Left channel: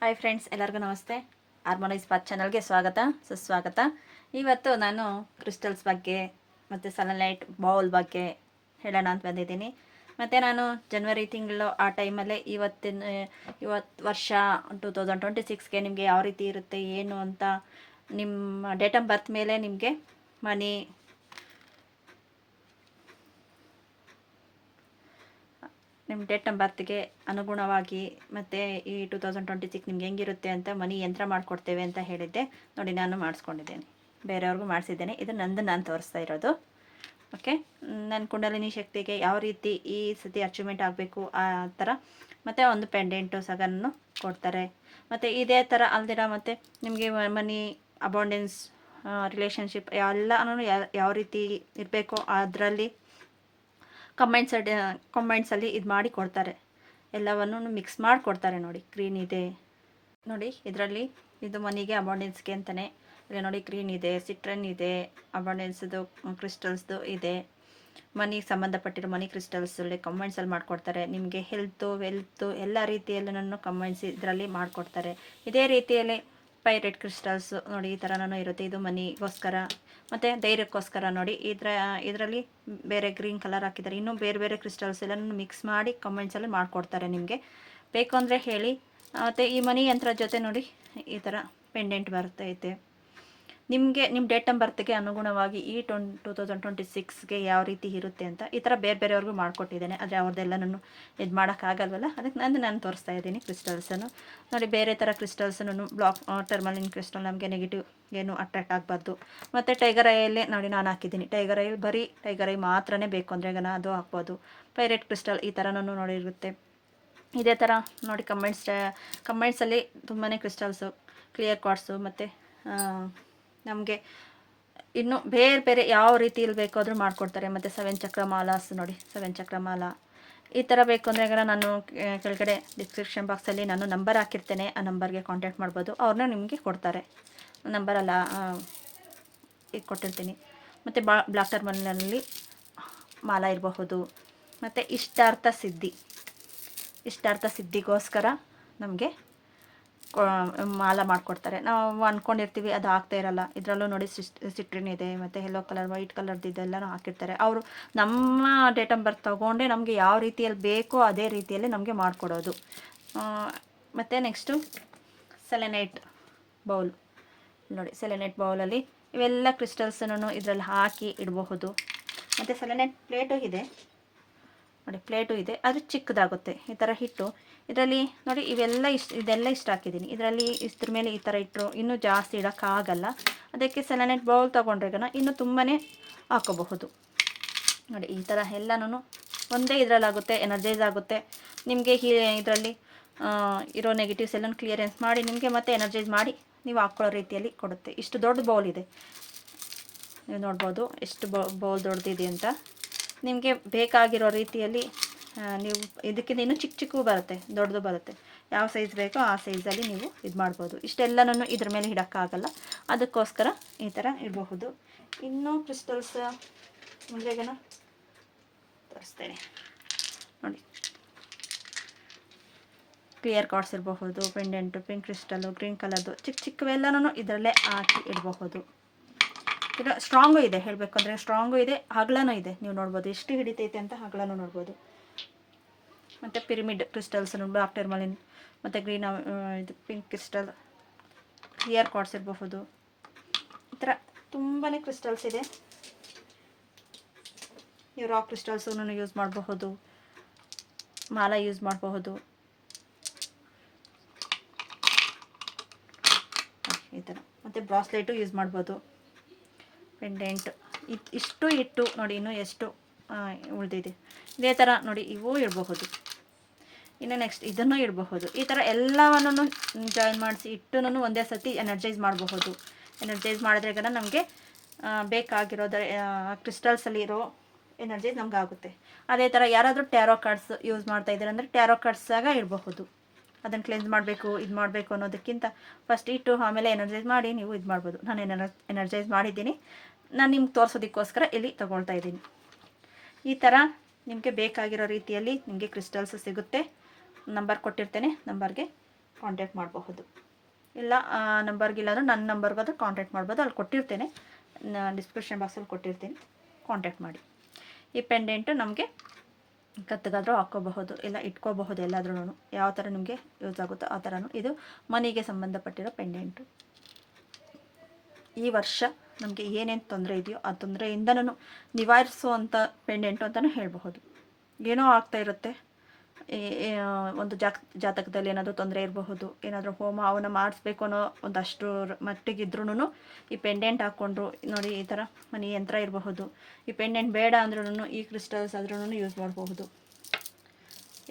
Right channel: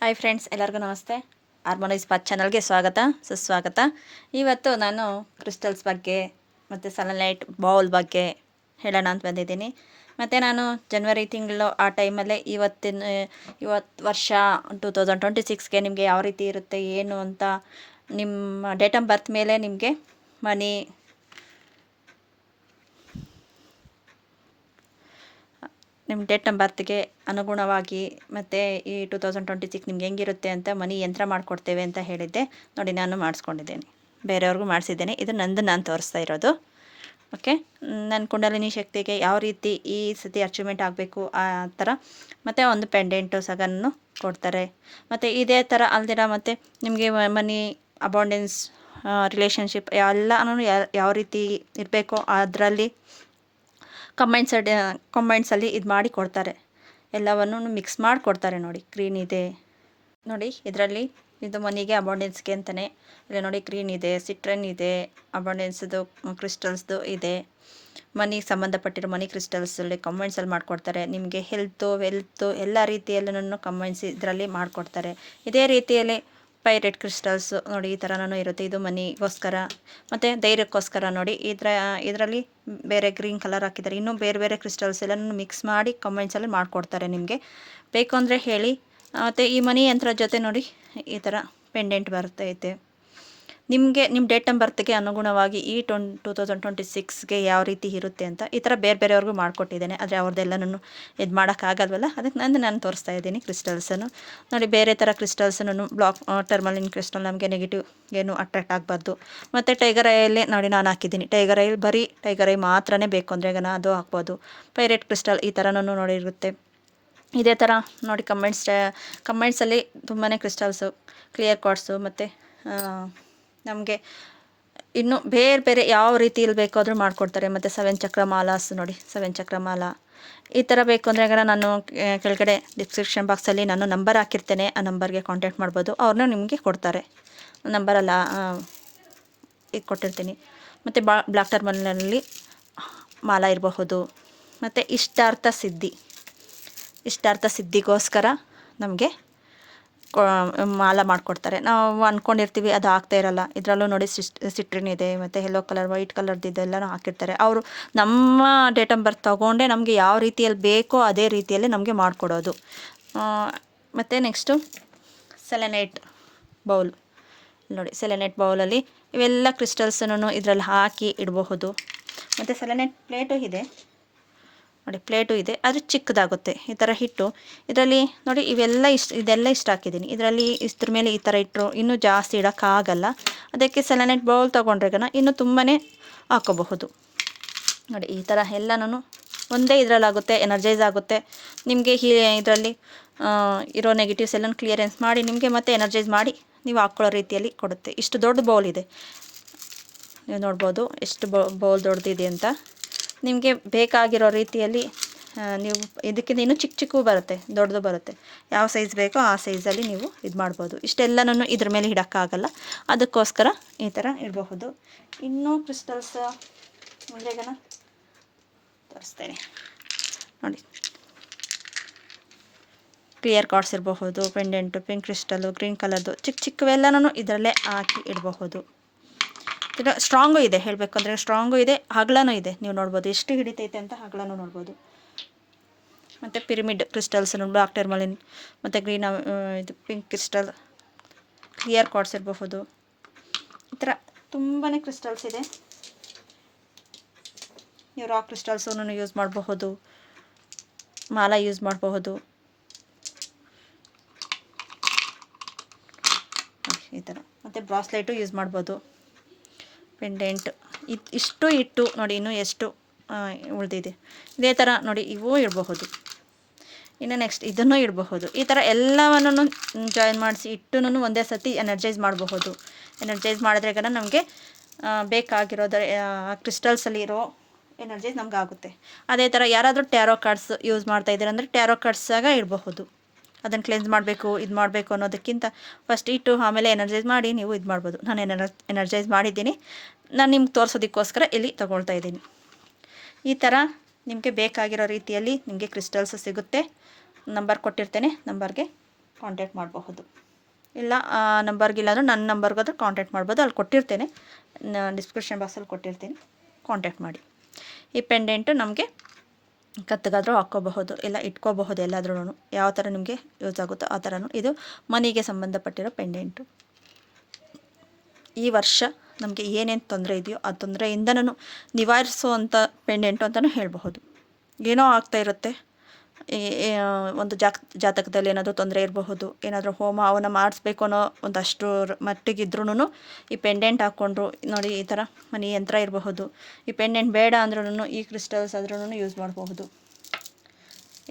Hi friends, ಎಲ್ಲರಿಗೂ ನಮಸ್ತೆ. Harmonise path ಚಾನಲ್ಗೆ ಸ್ವಾಗತ ಸುಸ್ವಾಗತ. ಇವತ್ತು ನಾನು ಕ್ರಿಸ್ಟಲ್ಸ್ ಬಗ್ಗೆ ಮತ್ತು ಸೆಲೆನೈಟ್ ಬೌಲ್ ಬಗ್ಗೆ ಹೇಳೋಣ ಅಂತ ಬಂದಿದ್ದೀನಿ. ಮತ್ತು ನಾನು ಜನವರಿ ತಿಂಗಳು ಆ ಟೈಮಲ್ಲೇ ಇವತ್ತು ವರ್ಷ 2026ಗೆ ನಿಮಗೆ ಯಾವ ರೀತಿ ಇರುತ್ತೆ ಏನು ಅಂತ ನಿಮ್ಮ ಡೇಟ್ ಆಫ್ ಬರ್ತ್ ಮೇಲೆ ನಿಮಗೆ ಮನಿ ನಿಮ್ಮ ಡೇಟ್ ಆಫ್ ಬರ್ತ್ಗೆ ಅನುಗುಣವಾಗಿ ಮತ್ತು ಈ 2026 ನಿಮ್ಗೆ ಹೆಂಗಿರುತ್ತೆ ಅಂತ ಮನಿ ಯಂತ್ರ ಮಾಡಿಕೊಡ್ತೇವೆ ಅಂತ ಹೇಳಿದ್ದೆ. ನೋಡಿ, ನಾನು ಮಾಡಿಸ್ಕೊಂಡಿದ್ದೇನೆ, ಬೇರೆಯವ್ರಿಗೂ ಮಾಡಿಸಿದ್ದೇನೆ. ಇದು ನಂದು ನಾನು ತೋರಿಸ್ತಾ ಇರೋದು. ಓಕೆ, ನನ್ನ ಕುಂಡಲಿನಿ ಶಕ್ತಿಗೆ ಯಾವ ರೀತಿ ಈ ಸತಿ ಅಚೀವ್ಮೆಂಟ್ ಆಗಬೇಕು ಆ ಥರ. ಮತ್ತು ಒಂದು ಪೆಂಡೆಂಟು ಸಗನ್ನು ಕೊಡ್ತಾರೆ. ಮತ್ತು ಇದೇ ಥರ ಅಲ್ದಿರ ಮತ್ತು ನಿಮಗೆ ಮನಿ ಅಬಾಂಡೆನ್ಸ್ ರಿಲೇಷನ್ಶಿಪ್ ಎಲ್ಲನೂ ಯಾವ ರೀತಿ ಇರಬೇಕೋ ಅದರಲ್ಲಿ ಕಮೆಂಟ್ಸಲ್ಲಿ ಇದು ಮಾಡಿ ಕೊಡ್ತಾರೆ. ಎಲ್ಲವನ್ನು ಮಿಕ್ಸ್ ಮಾಡಿ ಕೊಡ್ತಾರೆ. ನೋಡಿ, ಗ್ರೀನ್ ಇದೆ ನೋಡಿ, ಇದರಲ್ಲಿ ಇದು ಮನಿಗೆ ಅಬಾಂಡೆನ್ಸ್ಗೆ ಅಂತಲೇ. ಇಲ್ಲಿ ನೋಡಿ, ಗ್ರೀನ್ ಇದೆ, ಸಿಟ್ರನ್ ಇದೆ, ಅಬಾಂಡೆನ್ಸ್ದು ಕ್ರಿಸ್ಟಲ್ಸ್ದು ಇದೆ. ಮನಿಗೆ ಸಂಬಂಧಪಟ್ಟಿರೋ ಮನಿ ಕ್ರಿಸ್ಟಲ್ಸಲ್ಲಿ ಕಮೆಂಟ್ಸಲ್ಲಿ ಮಾಡಿಕೊಡ್ತಾರೆ. ನಿಮಗೆ ವೆಲ್ತು ಎಲ್ಲ ರೀತಿಯಲ್ಲೂ ಕಮೆಂಟ್ಸ್ ಇದರಲ್ಲಿ ಮಾಡಿಕೊಡ್ತಾರೆ. ಇದೇ ರೀತಿಯಲ್ಲಿ ಪೈರೇಟ್ ಕ್ರಿಸ್ಟಲ್ಸ್ ನೋಡಿ, ಈ ಥರನೂ ಇರುತ್ತೆ. ಇದು ಮನಿಗೋಸ್ಕರ ಮತ್ತು ಧೈರ್ಯಕ್ಕೋಸ್ಕರ. ನೋಡಿ, ಇದರಲ್ಲಿ ಬೇರೆ ಗ್ರೀನ್ ಕಲರ್ ಹಾಕಿದ್ದಾರೆ. ಇನ್ನೂ ಬೇರೆ ಬೇರೆ ಕ್ರಿಸ್ಟಲ್ಸ್ ಎಲ್ಲನೂ ಮಿಕ್ಸ್ ಮಾಡಿ ಕಮೆಂಟ್ಸಲ್ಲಿ ಮಾಡಿಕೊಡ್ತಾರೆ. ನಿಮಗೆ ಬೇಕು ಅಂದರೆ ಹೇಳಿ. ಮತ್ತು ಈ ಮನಿ ಯಂತ್ರ ಜೊತೆ ನೋಡಿ, ಈ ಥರ ಪೆಂಡೆಂಟ್ ಬರ್ತೈತೆ. ನಿಮಗೆ ನಿಮ್ಮ ಡೇಟ್ ಆಫ್ ಬರ್ತ್ಗೆ ಅನುಗುಣವಾಗಿ ಈ 2026ಗೆ ಯಾವ ರೀತಿ ಇರುತ್ತೆ ಅಂತ ಈ ಥರ ಬೇರೆಯವ್ರಿಗೂ ಮಾಡಿಕೊಟ್ಟಿದ್ದೇನೆ. ಆದರೆ ಅವ್ರದ್ದೆಲ್ಲನೂ ಇದು ಮಾಡೋಕ್ಕಾಗಲ್ವಲ್ಲ, ಅದಕ್ಕೆ ನಾನು ತೋರಿಸ್ತಾ ಇದ್ದೀನಿ ಕ್ರಿಸ್ಟಲ್ಸನ್ನು. ನೋಡಿ, ಬೇರೆ ಥರ ಕ್ರಿಸ್ಟಲ್ಸನ್ನು ಬ್ಲಾಕ್ ಟರ್ಮಲಿನ್ ಕ್ರಿಸ್ಟಲ್ ನಮಗೆ ನೆಗೆಟಿವ್ ಏನು ಅಟ್ರಾಕ್ಟ್ ಆಗಬಾರ್ದು. ಮತ್ತು ಟೈಗರ್ ಐಯಲ್ಲೇ ನೋಡಿ ನಾನು ಹಾಕಿದ್ದೀನಿ. ಟೈಗರ್ ಐಲ್ ಬರೀ ಟೈಗರ್ ಐ ಮಾತ್ರನೇ ಬೇಕು ಅಂದರೆ ಅದು ಹಾಕ್ಬೋದು. ಪೈರೇಟ್ ಕ್ರಿಸ್ಟಲ್ ಈ ಥರನೂ ನೋಡಿರುತ್ತೆ. ಇದೇ ಥರ ನೋಡಿ, ಕಮೆಂಟ್ಸಲ್ಲಿ ತುಂಬಾ ಕ್ರಿಸ್ಟಲ್ಸು, ಕ್ಲಿಯರ್ ಕ್ವಾರ್ಟ್ಸು ಮತ್ತು ನಮಗೆ ಇನ್ನು ಬೇರೆ ಬೇರೆ ಯಾವ ರೀತಿಯಲ್ಲಿ ಬೇಕಾದರೂ ಮಾಡಿಕೊಡ್ತಾರೆ. ಮತ್ತು 7 ಚಕ್ರ ಮಾಲಾಸ್ ನೋಡಿ, 7 ಚಕ್ರ ಮಾಲ ಈ ಥರ ಬೇಕು ಅಂದರೆ ನಾನು ಕೆಳಗಡೆ ಡಿಸ್ಕ್ರಿಪ್ಷನ್ ಬಾಕ್ಸಲ್ಲಿ ನಾನು ನಂಬರ್ ಹಾಕಿರ್ತೇನೆ. ಆ ನಂಬರ್ಗೆ ಕಾಂಟ್ಯಾಕ್ಟ್ ಮಾಡ್ಬೋದು. ಅವ್ರನ್ನೂ ನಿಮಗೆ ಕೊಡ್ತಾರೆ. ನಂಬರಲ್ಲ ಇದು ಕೊಟ್ಟಿರ್ತೀನಿ. ಮತ್ತು ಬ್ಲಾಕ್ ಟರ್ಮಲ್ನಲ್ಲಿ ಮಾಲ ಇರಬಹುದು. ಮತ್ತು ಇಷ್ಟಾರ್ಥ ಸಿದ್ಧಿಗೋಸ್ಕರ ನಮಗೆ ಮಾಲ ಮಾಡಿಕೊಡ್ತಾರೆ. ನಾವು ಅಂದ್ಕೊಂಡಿರ್ತೀವಿ, ಅದು ಆಗ್ತಾ ಇರಲ್ಲ. ಇದರಲ್ಲೂ ನೋಡಿ, ಸಿಟ್ರಿನ್ ಇದೆ ಮತ್ತು ಯೆಲ್ಲೋ ಕಲರ್, ವೈಟ್ ಕಲರ್ದು ಇದೆಲ್ಲನೂ ಹಾಕಿರ್ತಾರೆ. ಅವರು ನಮ್ಮ ಡೇಟ್ ಆಫ್ ಬರ್ತ್ ತೊಗೊಂಡೆ ನಮಗೆ ಯಾವ ರೀತಿಯಲ್ಲಿ ಬೇಕೋ ಅದೇ ರೀತಿಯಲ್ಲಿ ನಮಗೆ ಮಾಡಿಕೊಡೋದು. ಮತ್ತು ನೆಕ್ಸ್ಟು ಸೆಲೆನೈಟ್ ಬೌಲ್ ನೋಡಿ, ಸೆಲೆನೈಟ್ ಬೌಲಲ್ಲಿ ಇವೆಲ್ಲ ಕ್ರಿಸ್ಟಲ್ಸನ್ನು ಇದರಲ್ಲಿ ಹಾಕಿ ಇಡಬಹುದು. ಮತ್ತು ಸೆಲೆನೈಟ್ ಪ್ಲೇಟು ಇದೆ ನೋಡಿ, ಪ್ಲೇಟು ಇದೆ, ಅದು ಚಿಕ್ಕದಾಗುತ್ತೆ. ಈ ಥರ ಹಿಟ್ಟು ಇದರಲ್ಲಿ ನೋಡಿ, ಇದೆಲ್ಲ ಇಷ್ಟು ಹಾಕಿದ್ದೀನಿ. ಇದರಲ್ಲಿ ಇದ್ರ ಮೇಲೆ ಈ ಥರ ಇಟ್ಟರು ಇನ್ನೂ ಜಾಸ್ತಿ ಇಡೋಕ್ಕಾಗಲ್ಲ. ಅದಕ್ಕೆ ಸೆಲೆನೈಟ್ ಬೌಲ್ ತೊಗೊಂಡ್ರೆ ಇನ್ನೂ ತುಂಬಾ ಹಾಕೋಬಹುದು. ನೋಡಿ, ಈ ಥರ ಎಲ್ಲನೂ ಒಂದೇ ಇದರಲ್ಲಾಗುತ್ತೆ, ಎನರ್ಜೈಸ್ ಆಗುತ್ತೆ. ನಿಮಗೆ ಇದರಲ್ಲಿ ಇರೋ ನೆಗೆಟಿವ್ಸ್ ಎಲ್ಲನೂ ಕ್ಲಿಯರೆನ್ಸ್ ಮಾಡಿ ನಿಮಗೆ ಮತ್ತೆ ಎನರ್ಜೈಸ್ ಮಾಡಿ ನೀವು ಹಾಕ್ಕೊಳ್ಳೋ ರೀತಿಯಲ್ಲಿ ಕೊಡುತ್ತೆ. ಇಷ್ಟು ದೊಡ್ಡ ಬೌಲ್ ಇದೆ, ನೀವು ನೋಡ್ಬೋದು ಎಷ್ಟು ಬೌಲ್ ದೊಡ್ಡದಿದೆ ಅಂತ. ನಿಮಗೆ ಬೇಕಾಗಿರೋ ರೀತಿಯಲ್ಲಿ ನೀವು ಇದಕ್ಕಿಂತ ಇನ್ನೂ ಚಿಕ್ಕೂ ಬರುತ್ತೆ, ದೊಡ್ಡದು ಬರುತ್ತೆ. ಯಾವ ಸೈಜ್ ಬೇಕೋ ಆ ಸೈಜಲ್ಲಿ ನೀವು ಇದು ಮಾಡ್ಬೋದು. ಇಷ್ಟೆಲ್ಲನೂ ಇದ್ರ ಮೇಲೆ ಇಡೋಕ್ಕಾಗಲ್ಲ, ಅದಕ್ಕೋಸ್ಕರ ಈ ಥರ ಇಡಬಹುದು. ಇನ್ನೂ ಕ್ರಿಸ್ಟಲ್ಸ್ ಮುಂದೆಗೇನೋ ತೋರಿಸ್ತೇನೆ ನೋಡಿ. ಕ್ಲಿಯರ್ ಕಾರ್ಡ್ಸ್ ಇರಬಹುದು, ಪೆಂಡೆಂಟು, ಪಿಂಕ್ ಕ್ರಿಸ್ಟಲ್ಲು, ಗ್ರೀನ್ ಕಲರ್ದು ಚಿಕ್ಕವೆಲ್ಲನೂ ಇದರಲ್ಲೇ ಹಾಕಿ ಇಡಬಹುದು. ಇದು ಸ್ಟ್ರಾಂಗು ಇದೆ, ಹೇಳಬೇಕಂದ್ರೆ ಸ್ಟ್ರಾಂಗು ಇದೆ, ಹಗಲನೂ ಇದೆ. ನೀವು ನೋಡ್ಬೋದು ಎಷ್ಟು ಹಿಡಿತೈತೆ ಅಂತ, ಹಗಲನೂ ನೋಡ್ಬೋದು. ಮತ್ತು ಪಿರಮಿಡ್ ಕ್ರಿಸ್ಟಲ್ಸನ್ನು, ಬ್ಲಾಕ್ ಟರ್ಮಲಿನ್ ಮತ್ತು ಗ್ರೀನ್ ಇದು ಪಿಂಕ್ ಕ್ರಿಸ್ಟಲ್, ಕ್ಲಿಯರ್ ಕಾರ್ಡ್ಸ್ ಇರಬಹುದು. ಈ ಥರ ತುಂಬಾ ಕ್ರಿಸ್ಟಲ್ಸ್ ಇದೆ. ನೀವು ರಾಕ್ ಕ್ರಿಸ್ಟಲ್ಸನ್ನು ಯೂಸ್ ಮಾಡಬಹುದು, ಮಾಲ ಯೂಸ್ ಮಾಡಬಹುದು. ಈ ಥರ ಮತ್ತು ಬ್ರಾಸ್ಲೆಟು ಯೂಸ್ ಮಾಡ್ಬೋದು, ಪೆಂಡೆಂಟ್ ಇಷ್ಟು ಇಟ್ಟು ನೋಡಿ, ಇನ್ನೂ ಎಷ್ಟು ಉಳಿದಿದೆ. ಇದೇ ಥರ ನೋಡಿ, ಇವೂ ಇಡಬಹುದು. ಇನ್ನು ನೆಕ್ಸ್ಟ್ ಇದನ್ನು ಇಡಬಹುದು. ಈ ಥರ ಎಲ್ಲವನ್ನು ಜಾಯಿನ್ ಮಾಡಿಸಿ ಇಟ್ಟು ಒಂದೇ ಸತಿ ಎನರ್ಜೈಸ್ ಮಾಡಬಹುದು. ಎನರ್ಜೈಸ್ ಮಾಡಿದ್ರೆ ನಮಗೆ ಬೇಕಾಗಿರೋದು ಕ್ರಿಸ್ಟಲ್ಸಲ್ಲಿ ಇರೋ ಎನರ್ಜೈಸ್ ನಮ್ಗೆ ಆಗುತ್ತೆ. ಅದೇ ಥರ ಯಾರಾದರೂ ಟ್ಯಾರೋ ಕಾರ್ಡ್ಸ್ ಯೂಸ್ ಮಾಡ್ತಾ ಇದ್ದಾರೆ ಅಂದರೆ ಟ್ಯಾರೋ ಕಾರ್ಡ್ಸಾಗ ಇಡಬಹುದು. ಅದನ್ನು ಕ್ಲೆನ್ಸ್ ಮಾಡಬೇಕು, ಇದು ಮಾಡಬೇಕು ಅನ್ನೋದಕ್ಕಿಂತ ಫಸ್ಟ್ ಇಟ್ಟು ಆಮೇಲೆ ಎನರ್ಜೈಸ್ ಮಾಡಿ ನೀವು ಇದು ಮಾಡ್ಬೋದು. ನಾನು ಎನರ್ಜೈಸ್ ಮಾಡಿದ್ದೀನಿ, ನಾನು ನಿಮ್ಗೆ ತೋರಿಸೋದಕ್ಕೋಸ್ಕರ ಇಲ್ಲಿ ತೊಗೊಳ್ತಾ ಇದ್ದೀನಿ. ಈ ಥರ ನಿಮಗೆ ಬೇಕಾಗಿರೋ ರೀತಿಯಲ್ಲಿ ನಿಮಗೆ ಕ್ರಿಸ್ಟಲ್ಸ್ ಸಿಗುತ್ತೆ. ನಂಬರ್ ಕೊಟ್ಟಿರ್ತೇನೆ, ನಂಬರ್ಗೆ ಕಾಂಟ್ಯಾಕ್ಟ್ ಮಾಡಬಹುದು. ಇಲ್ಲ ನಂಬರ್ಗಿಲ್ಲಾಂದ್ರೆ ನನ್ನ ನಂಬರ್ಗಾದ್ರೂ ಕಾಂಟ್ಯಾಕ್ಟ್ ಮಾಡ್ಬೋದು. ಅಲ್ಲಿ ಕೊಟ್ಟಿರ್ತೇನೆ, ಡಿಸ್ಕ್ರಿಪ್ಷನ್ ಬಾಕ್ಸಲ್ಲಿ ಕೊಟ್ಟಿರ್ತೀನಿ, ಕಾಂಟ್ಯಾಕ್ಟ್ ಮಾಡಿ. ಈ ಪೆಂಡೆಂಟು ನಮಗೆ ಕತ್ತಿಗಾದರೂ ಹಾಕ್ಕೋಬಹುದು, ಇಲ್ಲ ಇಟ್ಕೋಬಹುದು, ಎಲ್ಲಾದ್ರೂ ಯಾವ ಥರ ನಿಮಗೆ ಯೂಸ್ ಆಗುತ್ತೋ ಆ ಥರನೂ. ಇದು ಮನಿಗೆ ಸಂಬಂಧಪಟ್ಟಿರೋ ಪೆಂಡೆಂಟು. ಈ ವರ್ಷ ನಮಗೆ ಏನೇನು ತೊಂದರೆ ಇದೆಯೋ ಆ ತೊಂದರೆಯಿಂದನೂ ನಿವಾರಿಸುವಂಥ ಪೆಂಡೆಂಟು ಅಂತಲೂ ಹೇಳಬಹುದು. ಏನೋ ಆಗ್ತಾ ಇರುತ್ತೆ, ಒಂದು ಜಾತಕದಲ್ಲಿ ಏನಾದರೂ ತೊಂದರೆ ಇರಬಹುದು, ಏನಾದರೂ ಹೋಮ ಅವನ್ನ ಮಾಡಿಸ್ಬೇಕು ಅನ್ನೋ ಒಂದಷ್ಟು ಮಟ್ಟಿಗಿದ್ರೂ ಈ ಪೆಂಡೆಂಟ್ ಹಾಕ್ಕೊಂಡ್ರು ನೋಡಿ, ಈ ಥರ ಮನಿ ಯಂತ್ರ ಇರಬಹುದು. ಈ ಪೆಂಡೆಂಟ್ ಬೇಡ ಅಂದ್ರೂ ಈ ಕ್ರಿಸ್ಟಲ್ಸ್ ಆದ್ರೂ ಯೂಸ್ ಮಾಡಬಹುದು.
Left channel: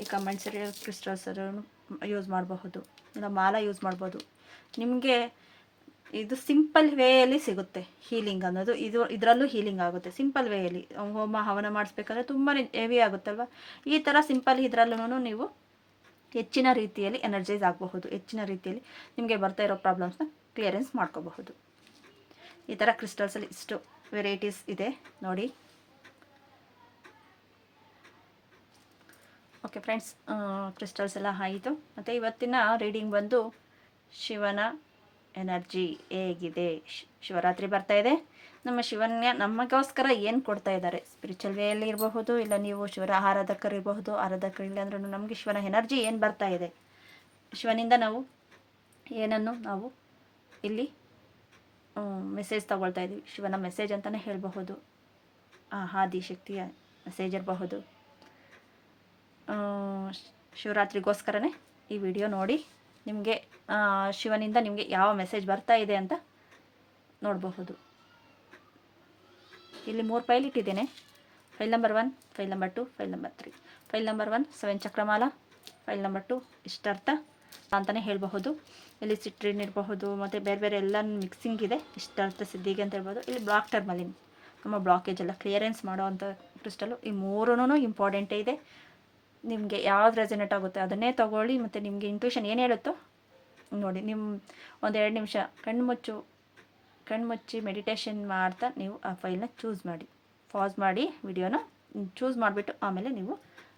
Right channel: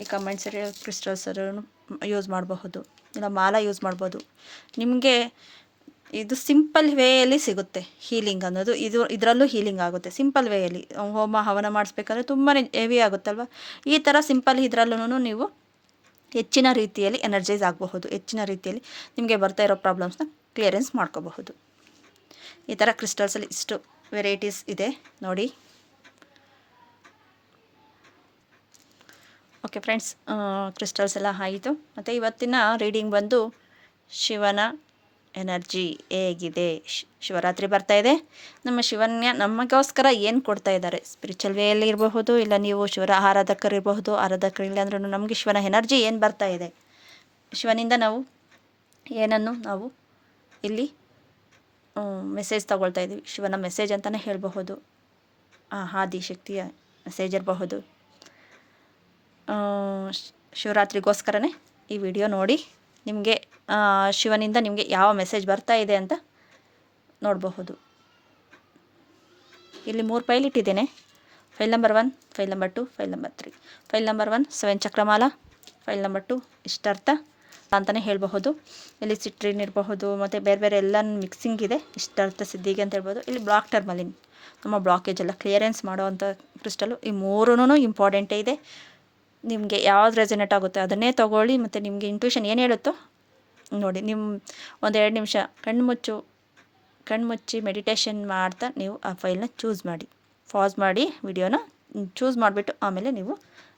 ಈ ಕಂಬೈನ್ಸರಿ ಕ್ರಿಸ್ಟಲ್ಸ್ ಆದ್ರೂ ಯೂಸ್ ಮಾಡಬಹುದು, ಇಲ್ಲ ಮಾಲ ಯೂಸ್ ಮಾಡ್ಬೋದು. ನಿಮಗೆ ಇದು ಸಿಂಪಲ್ ವೇಯಲ್ಲಿ ಸಿಗುತ್ತೆ ಹೀಲಿಂಗ್ ಅನ್ನೋದು. ಇದರಲ್ಲೂ ಹೀಲಿಂಗ್ ಆಗುತ್ತೆ ಸಿಂಪಲ್ ವೇಯಲ್ಲಿ. ಹೋಮ ಹವನ ಮಾಡಿಸ್ಬೇಕಾದ್ರೆ ತುಂಬಾ ಹೆವಿ ಆಗುತ್ತಲ್ವ, ಈ ಥರ ಸಿಂಪಲ್ ಇದರಲ್ಲೂ ನೀವು ಹೆಚ್ಚಿನ ರೀತಿಯಲ್ಲಿ ಎನರ್ಜೈಸ್ ಆಗಬಹುದು. ಹೆಚ್ಚಿನ ರೀತಿಯಲ್ಲಿ ನಿಮಗೆ ಬರ್ತಾ ಇರೋ ಪ್ರಾಬ್ಲಮ್ಸ್ನ ಕ್ಲಿಯರೆನ್ಸ್ ಮಾಡ್ಕೋಬಹುದು. ಈ ಥರ ಕ್ರಿಸ್ಟಲ್ಸಲ್ಲಿ ಇಷ್ಟು ವೆರೈಟೀಸ್ ಇದೆ ನೋಡಿ. ಓಕೆ ಫ್ರೆಂಡ್ಸ್, ಕ್ರಿಸ್ಟಲ್ಸ್ ಎಲ್ಲ ಆಯಿತು. ಮತ್ತು ಇವತ್ತಿನ ರೀಡಿಂಗ್ ಬಂದು ಶಿವನ ಎನರ್ಜಿ ಹೇಗಿದೆ. ಶಿವರಾತ್ರಿ ಬರ್ತಾ ಇದೆ. ನಮ್ಮ ಶಿವನ್ಯ ನಮಗೋಸ್ಕರ ಏನು ಕೊಡ್ತಾ ಇದ್ದಾರೆ, ಸ್ಪಿರಿಚುವಲ್ ವೇಯಲ್ಲಿ ಇರಬಹುದು, ಇಲ್ಲ ನೀವು ಶಿವರ ಆರಾಧಕರಿರಬಹುದು, ಆರಾಧಕರಿಲ್ಲ ಅಂದ್ರೂ ನಮಗೆ ಶಿವನ ಎನರ್ಜಿ ಏನು ಬರ್ತಾ ಇದೆ, ಶಿವನಿಂದ ನಾವು ಏನನ್ನು ನಾವು ಇಲ್ಲಿ ಮೆಸೇಜ್ ತಗೊಳ್ತಾ ಇದ್ದೀವಿ, ಶಿವನ ಮೆಸೇಜ್ ಅಂತಲೇ ಹೇಳಬಹುದು. ಆದಿಶಕ್ತಿಯ ಮೆಸೇಜ್ ಇರಬಹುದು. ಶಿವರಾತ್ರಿಗೋಸ್ಕರನೇ ಈ ವಿಡಿಯೋ ನೋಡಿ. ನಿಮಗೆ ಶಿವನಿಂದ ನಿಮಗೆ ಯಾವ ಮೆಸೇಜ್ ಬರ್ತಾ ಇದೆ ಅಂತ ನೋಡಬಹುದು. ಇಲ್ಲಿ 3 ಫೈಲ್ ಇಟ್ಟಿದ್ದೇನೆ. File number 1, file number 2, file number 3. File number 1 7 ಚಕ್ರಮಾಲ, ಫೈಲ್ ನಂಬರ್ 2 ಇಷ್ಟಾರ್ಥ ಅಂತಲೇ ಹೇಳಬಹುದು. ಇಲ್ಲಿ ಸಿಟ್ರಿನ್ ಇರಬಹುದು, ಮತ್ತು ಬೇರೆ ಬೇರೆ ಎಲ್ಲ ಮಿಕ್ಸಿಂಗ್ ಇದೆ. ಇಷ್ಟಾರ್ಥ ಸಿದ್ಧಿಗೆ ಅಂತ ಹೇಳ್ಬೋದು. ಇಲ್ಲಿ ಬ್ಲಾಕ್ ಟರ್ಮಲಿನ್, ನಮ್ಮ ಬ್ಲಾಕೇಜ್ ಎಲ್ಲ ಕ್ಲಿಯರೆನ್ಸ್ ಮಾಡುವಂಥ ಕ್ರಿಸ್ಟಲು. ಈ 3 ಇಂಪಾರ್ಟೆಂಟೇ ಇದೆ. ನಿಮಗೆ ಯಾವ್ದು ರೆಸನೇಟ್ ಆಗುತ್ತೆ ಅದನ್ನೇ ತೊಗೊಳ್ಳಿ. ಮತ್ತು ನಿಮಗೆ ಇಂಟ್ಯೂಷನ್ ಏನು ಹೇಳುತ್ತೋ ನೋಡಿ. ನಿಮ್ಮ 1-2 ನಿಮಿಷ ಕಣ್ಮುಚ್ಚಿ ಮೆಡಿಟೇಷನ್ ಮಾಡ್ತಾ ನೀವು ಆ ಫೈಲ್ನ ಚೂಸ್ ಮಾಡಿ, ಪಾಸ್ ಮಾಡಿ ವಿಡಿಯೋನ ಚೂಸ್ ಮಾಡಿಬಿಟ್ಟು ಆಮೇಲೆ ನೀವು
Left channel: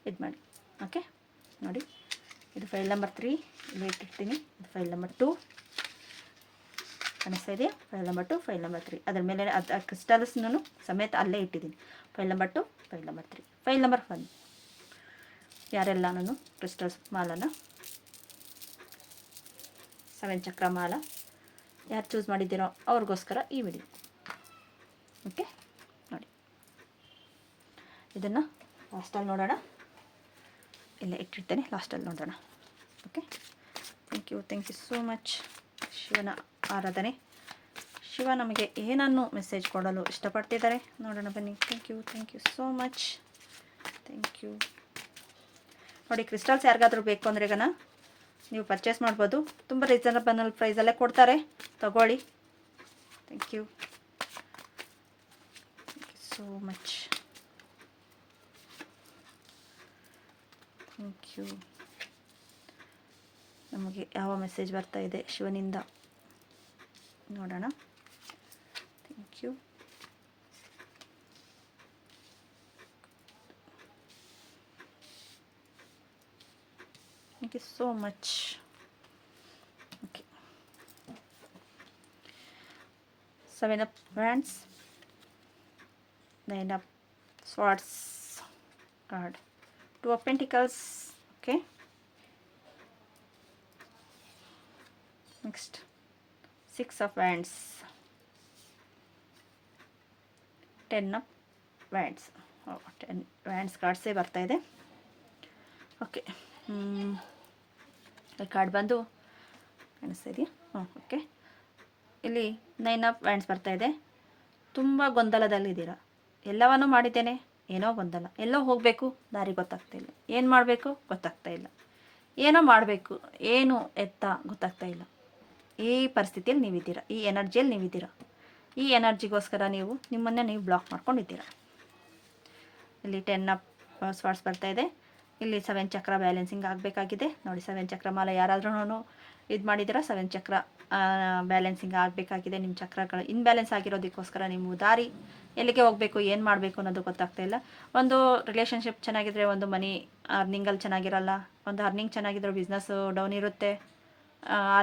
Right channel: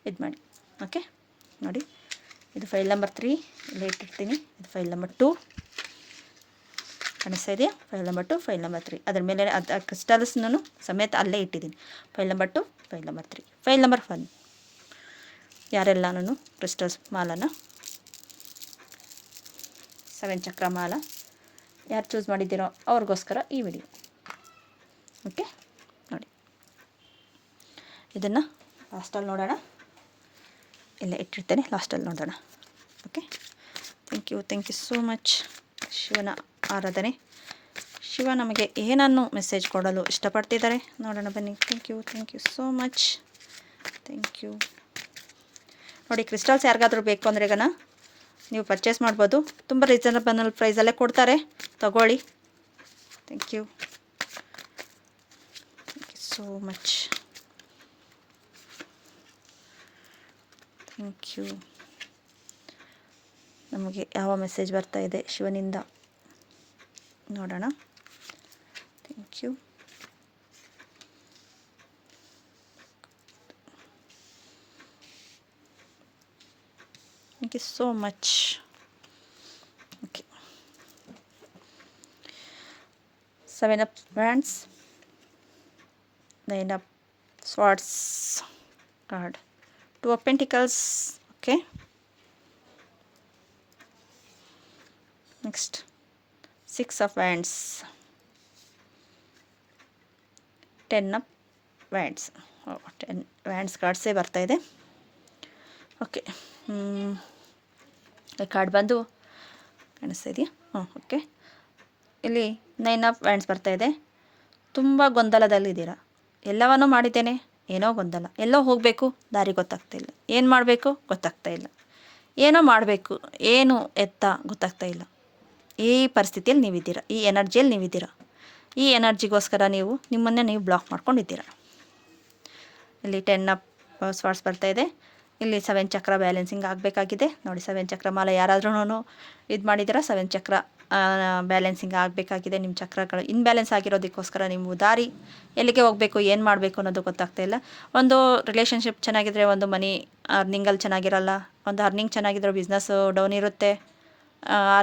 ಇದು ಮಾಡಿ. ಓಕೆ ನೋಡಿ, ಇದು ಫೈಲ್ ನಂಬರ್ 3 ಇಲ್ಲೇ ಇಟ್ಟಿರ್ತೀನಿ. ಇದು ಫೈಲ್ ನಂಬರ್ 2 ಕಾಣಿಸ್ತಾ ಇದೆಯಾ? File number 2, file number 3. ಅದರ ಮೇಲೆ ಕ್ರಿಸ್ಟಲ್ಸ್ನೂ ಸಮೇತ ಅಲ್ಲೇ ಇಟ್ಟಿದ್ದೀನಿ. File number 2, file number 3, file number 1. ಯಾರೆಲ್ಲನೂ ಕ್ರಿಸ್ಟಲ್ಸ್ ಮಾಲನ 7 ಚಕ್ರ ಮಾಲ ಯಾರು ಚೂಸ್ ಮಾಡಿದ್ದೀರೋ ಅವ್ರಿಗೋಸ್ಕರ ಈ ವಿಡಿಯೋ. ಓಕೆ ನೋಡಿ, ಇದನ್ನು ಲಾಸ್ಟಲ್ಲಿ ನೋಡೋಣ. ಇಲ್ಲ ಇಟ್ಟಿರ್ತೇನೆ, ಲಾಸ್ಟಲ್ಲಿ ನೋಡೋಣ. Okay, thank you so much. ಶಿವನ ಆರಾಧನೆ, ಶಿವ ನಮಗೆ ಏನನ್ನು ಮೆಸೇಜ್ ಕೊಡಲು ಇಷ್ಟಪಡ್ತಿದ್ದಾರೆ ನೋಡೋಣ ಬನ್ನಿ. Thank you so much. Thank you. ನೋಡಿ, ಕ್ರಿಸ್ಟಲ್ಸ್ ಯಾರಿಗಾದ್ರೂ ಬೇಕು ಅಂದರೆ ಈಗ ನೀವು ಪರ್ಚೇಸ್ ಮಾಡ್ಬೋದು. ತುಂಬ ರೀಸನಬಲ್ ಪ್ರೈಸಲ್ಲೇ ಕೊಡ್ತಾರೆ, ತಗೊಳ್ಳಿ. Thank you so much. Thank you. ನಮಗೆ ಯಾವ ಮೆಸೇಜ್ ಬರ್ತಾ ಇದೆ ಶಿವನಿಂದ ನೋಡೋಣ. Thank you. Thank you so much. Okay. 7 of Wands, 9 of Swords card, 2 of Pentacles. Okay. Next, 6 of Wands, 10 of Wands. 10 Wands cards ಬರ್ತಾ ಇದೆ. ಓಕೆ, ಕಾರ್ಡ್ ಬಂದು ಕಾಣಿಸ್ತಾ ಇದೆಯಾ? ಓಕೆ, ಇಲ್ಲಿ 9 ಆಫ್ ವ್ಯಾಂಡ್ಸ್ ಬರ್ತಾ ಇದೆ. ತುಂಬ ಗೊಂದಲದಲ್ಲಿದ್ದೀರಾ. ಎಲ್ಲವನ್ನೂ ಮಾಡಿದ್ದೇನೆ, ಏನೋ ಗೊಂದಲ, ಎಲ್ಲೋ ಹೋಗಬೇಕು, ದಾರಿ ಗೊತ್ತಾಗ್ತಾ ಇಲ್ಲ, ಏನು ಮಾಡಬೇಕು ಗೊತ್ತಾಗ್ತಾ ಇಲ್ಲ, ಏನೋ ಮಾಡಬೇಕು, ಏನು ಎತ್ತ ಗೊತ್ತಾಗ್ತಾ ಇಲ್ಲ. ಈ ಪರಿಸ್ಥಿತಿಯಲ್ಲಿ ನೀವಿದ್ದೀರಾ, ಈ ಎನರ್ಜಿಯಲ್ಲಿ ನೀವಿದ್ದೀರಾ. ಈ ಎನರ್ಜಿಗೋಸ್ಕರ ನೀವು ನಿಮ್ಮನ್ನೇ ನೀವು ಬ್ಲಾಕ್ ಮಾಡ್ಕೊಂಡಿದ್ದೀರಾ. ಇಲ್ಲಿ 10 ಆಫ್ ಸ್ವಾರ್ಡ್ಸ್ ಬರ್ತಾ ಇದೆ. ಇಲ್ಲಿ 7 ಚಕ್ರ ಬ್ಯಾಲೆನ್ಸಿಂಗ್ ಆಗಬೇಕಾಗಿದೆ ನೋಡಿ. 7 ಚಕ್ರ ಮಾಲ ಯಾರಾದ್ರೂ ಇದು ಮಾಡಿದ್ದೀರಾ, 7 ಚಕ್ರ ಬ್ಯಾಲೆನ್ಸಿಂಗ್ ಆಗಬೇಕಾಗಿದೆ. ನಿಮ್ಮ ಚಕ್ರಗಳು ಇನ್ಬ್ಯಾಲೆನ್ಸ್ ಆಗಿರೋದಕ್ಕೋಸ್ಕರ ನೀವು ದಾರಿ ಎಲ್ಲಿಗೆ ಹೋಗಬೇಕು, ಏನು ಮಾಡಬೇಕು ಅನ್ನೋದು ಗೊತ್ತಾಗ್ತಾ ಇಲ್ಲ. ಒಂದು ರಿಲೇಷನ್ಶಿಪ್ ಚೆನ್ನಾಗಿದ್ದರೆ ಒಂದು ಮನಿ ಅರ್ನಿಂಗಲ್ಲಿ ಚೆನ್ನಾಗಿರಲ್ಲ, ಒಂದು ಅರ್ನಿಂಗ್ ಚೆನ್ನಾಗಿದ್ರೆ ಬಿಸ್ನೆಸ್ಸು ಡೌನ್ ಇರುತ್ತೆ,